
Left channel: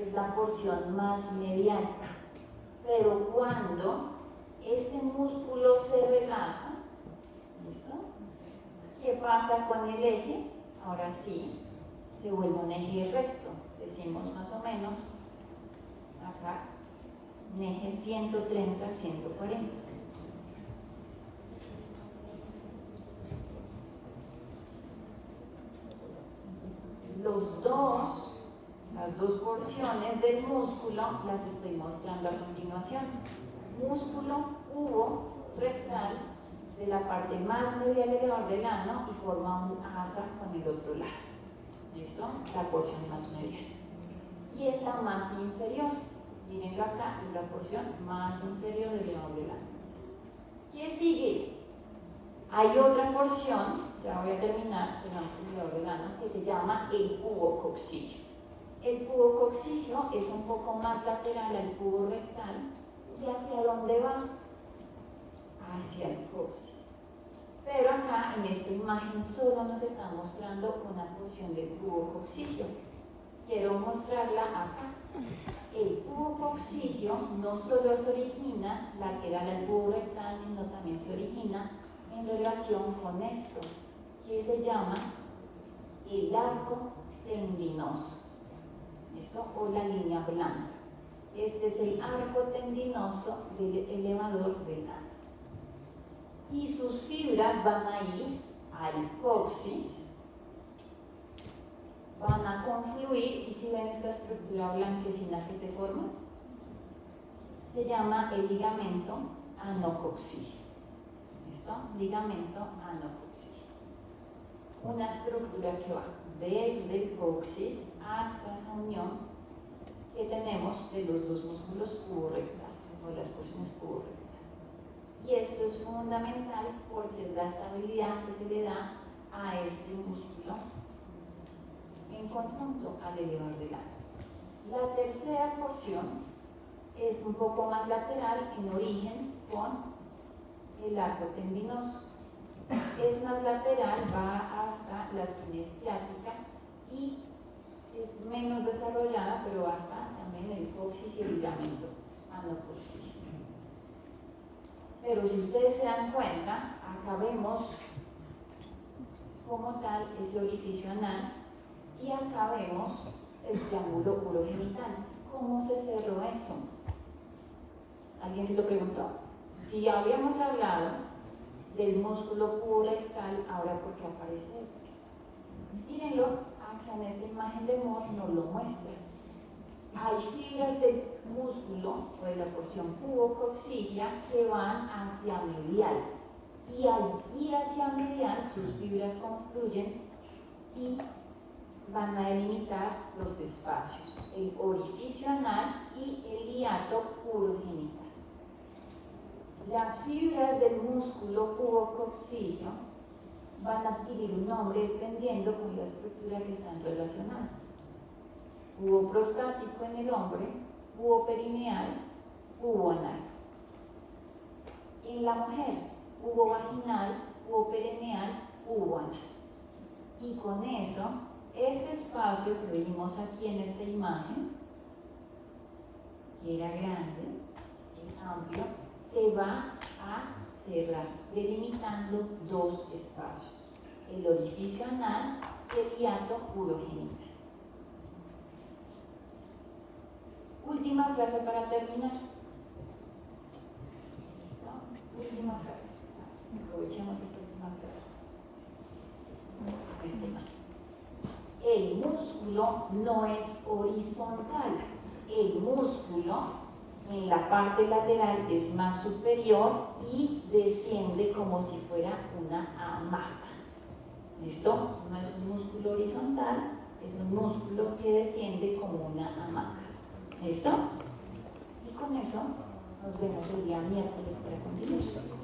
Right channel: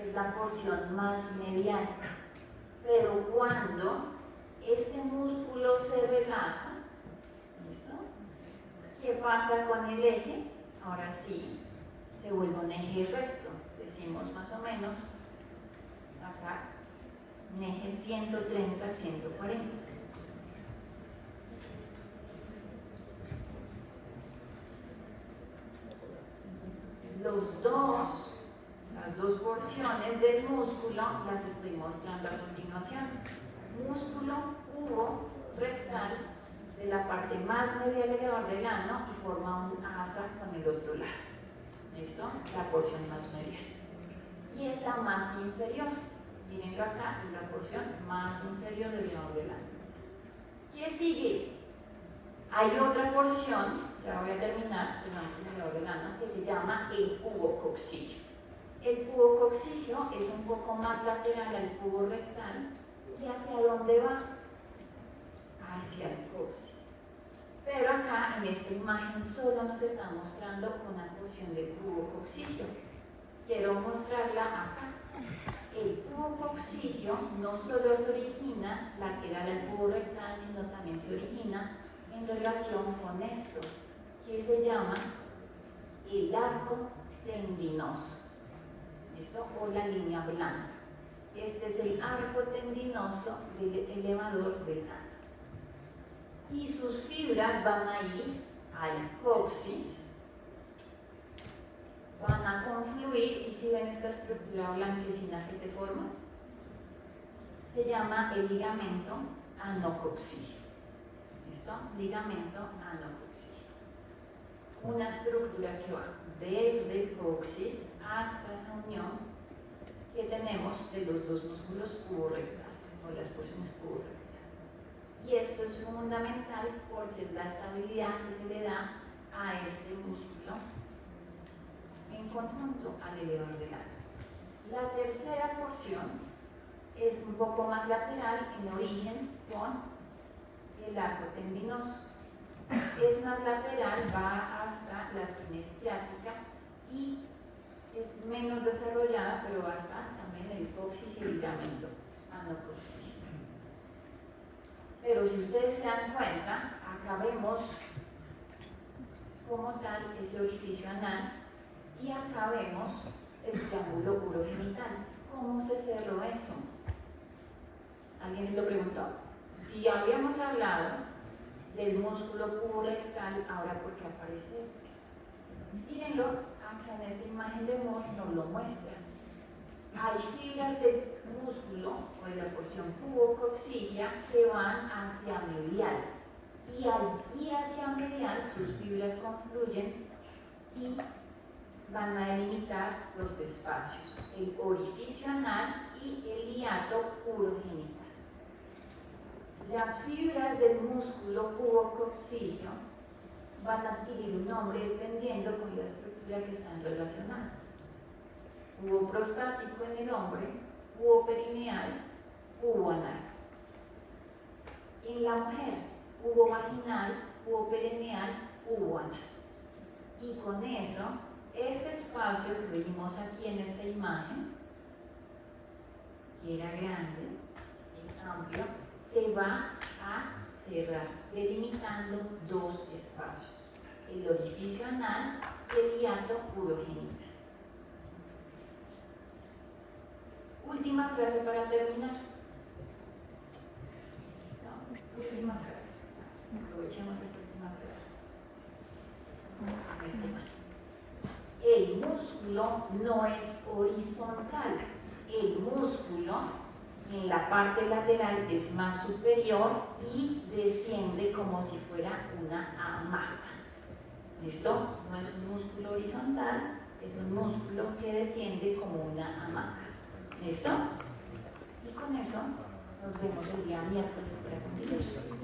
es la porción más mediana, pero cuando este músculo se relaja, ¿listo? ¿Qué pasa con el eje? Ahora sí, se vuelve un eje recto, decimos más o menos acá, un eje 130, 140. Las dos porciones del músculo las estoy mostrando a continuación. Músculo cubo rectal de la parte más medial elevador del ano y forma un asa con el otro lado. ¿Listo? La porción más medial. Y es la más inferior. Mírenlo acá, es la porción más inferior del elevador del ano. ¿Qué sigue? Hay otra porción, ya voy a terminar, el más elevador del ano, que se llama el cubo coccigio. El cubo coccigio es un poco más lateral al cubo rectal. ¿Y hacia dónde va? Hacia el coxis. Pero acá en esta imagen solo nos está mostrando una porción del cubo coccigio. Quiero mostrarla acá. El cubo coccigio no solo se origina lateral al cubo rectal, sino también se origina en relación con esto, que se llama el arco tendinoso. ¿Listo? O la línea blanca. Este es el arco tendinoso del elevador del ano. Y sus fibras van a ir al coxis, van a confluir, y si ven esta estructura blanquecina que se forma, se llama el ligamento anococcigio. ¿Listo? Ligamento anococcigio. Una estructura que va desde el coxis hasta esa unión que tenemos de los dos músculos cuborectales o las porciones cuborectales. Y esto es fundamental porque es la estabilidad que se le da a este músculo en conjunto al elevador del ano. La tercera porción es un poco más lateral en origen con el arco tendinoso. Es más lateral, va hasta la espina isquiática y es menos desarrollada, pero hasta también el coxis y el ligamento anococcigio. Pero si ustedes se dan cuenta, acá vemos como tal ese orificio anal y acá vemos el triángulo urogenital. ¿Cómo se cerró eso? ¿Alguien se lo preguntó? Si habíamos hablado del músculo cuborectal, ahora ¿por qué aparece este? Mírenlo, acá en esta imagen de Moore nos lo muestra. Hay fibras del músculo o de la porción cubococciglia que van hacia medial, y al ir hacia medial sus fibras confluyen y van a delimitar los espacios, el orificio anal y el hiato urogenital. Las fibras del músculo cubococcigio van a adquirir un nombre dependiendo con la estructura que están relacionadas. Cubo prostático en el hombre, cubo perineal, cubo anal. En la mujer, cubo vaginal, cubo perineal, cubo anal. Y con eso, ese espacio que vimos aquí en esta imagen, que era grande, amplio, se va a cerrar, delimitando dos espacios: el orificio anal y el hiato urogenital. Última frase para terminar. ¿Listo? Última frase. Aprovechemos esta última frase. Este el músculo no es horizontal. El músculo en la parte lateral es más superior y desciende como si fuera una hamaca. ¿Listo? No es un músculo horizontal, es un músculo que desciende como una hamaca. ¿Listo? Y con eso nos vemos el día miércoles para continuar.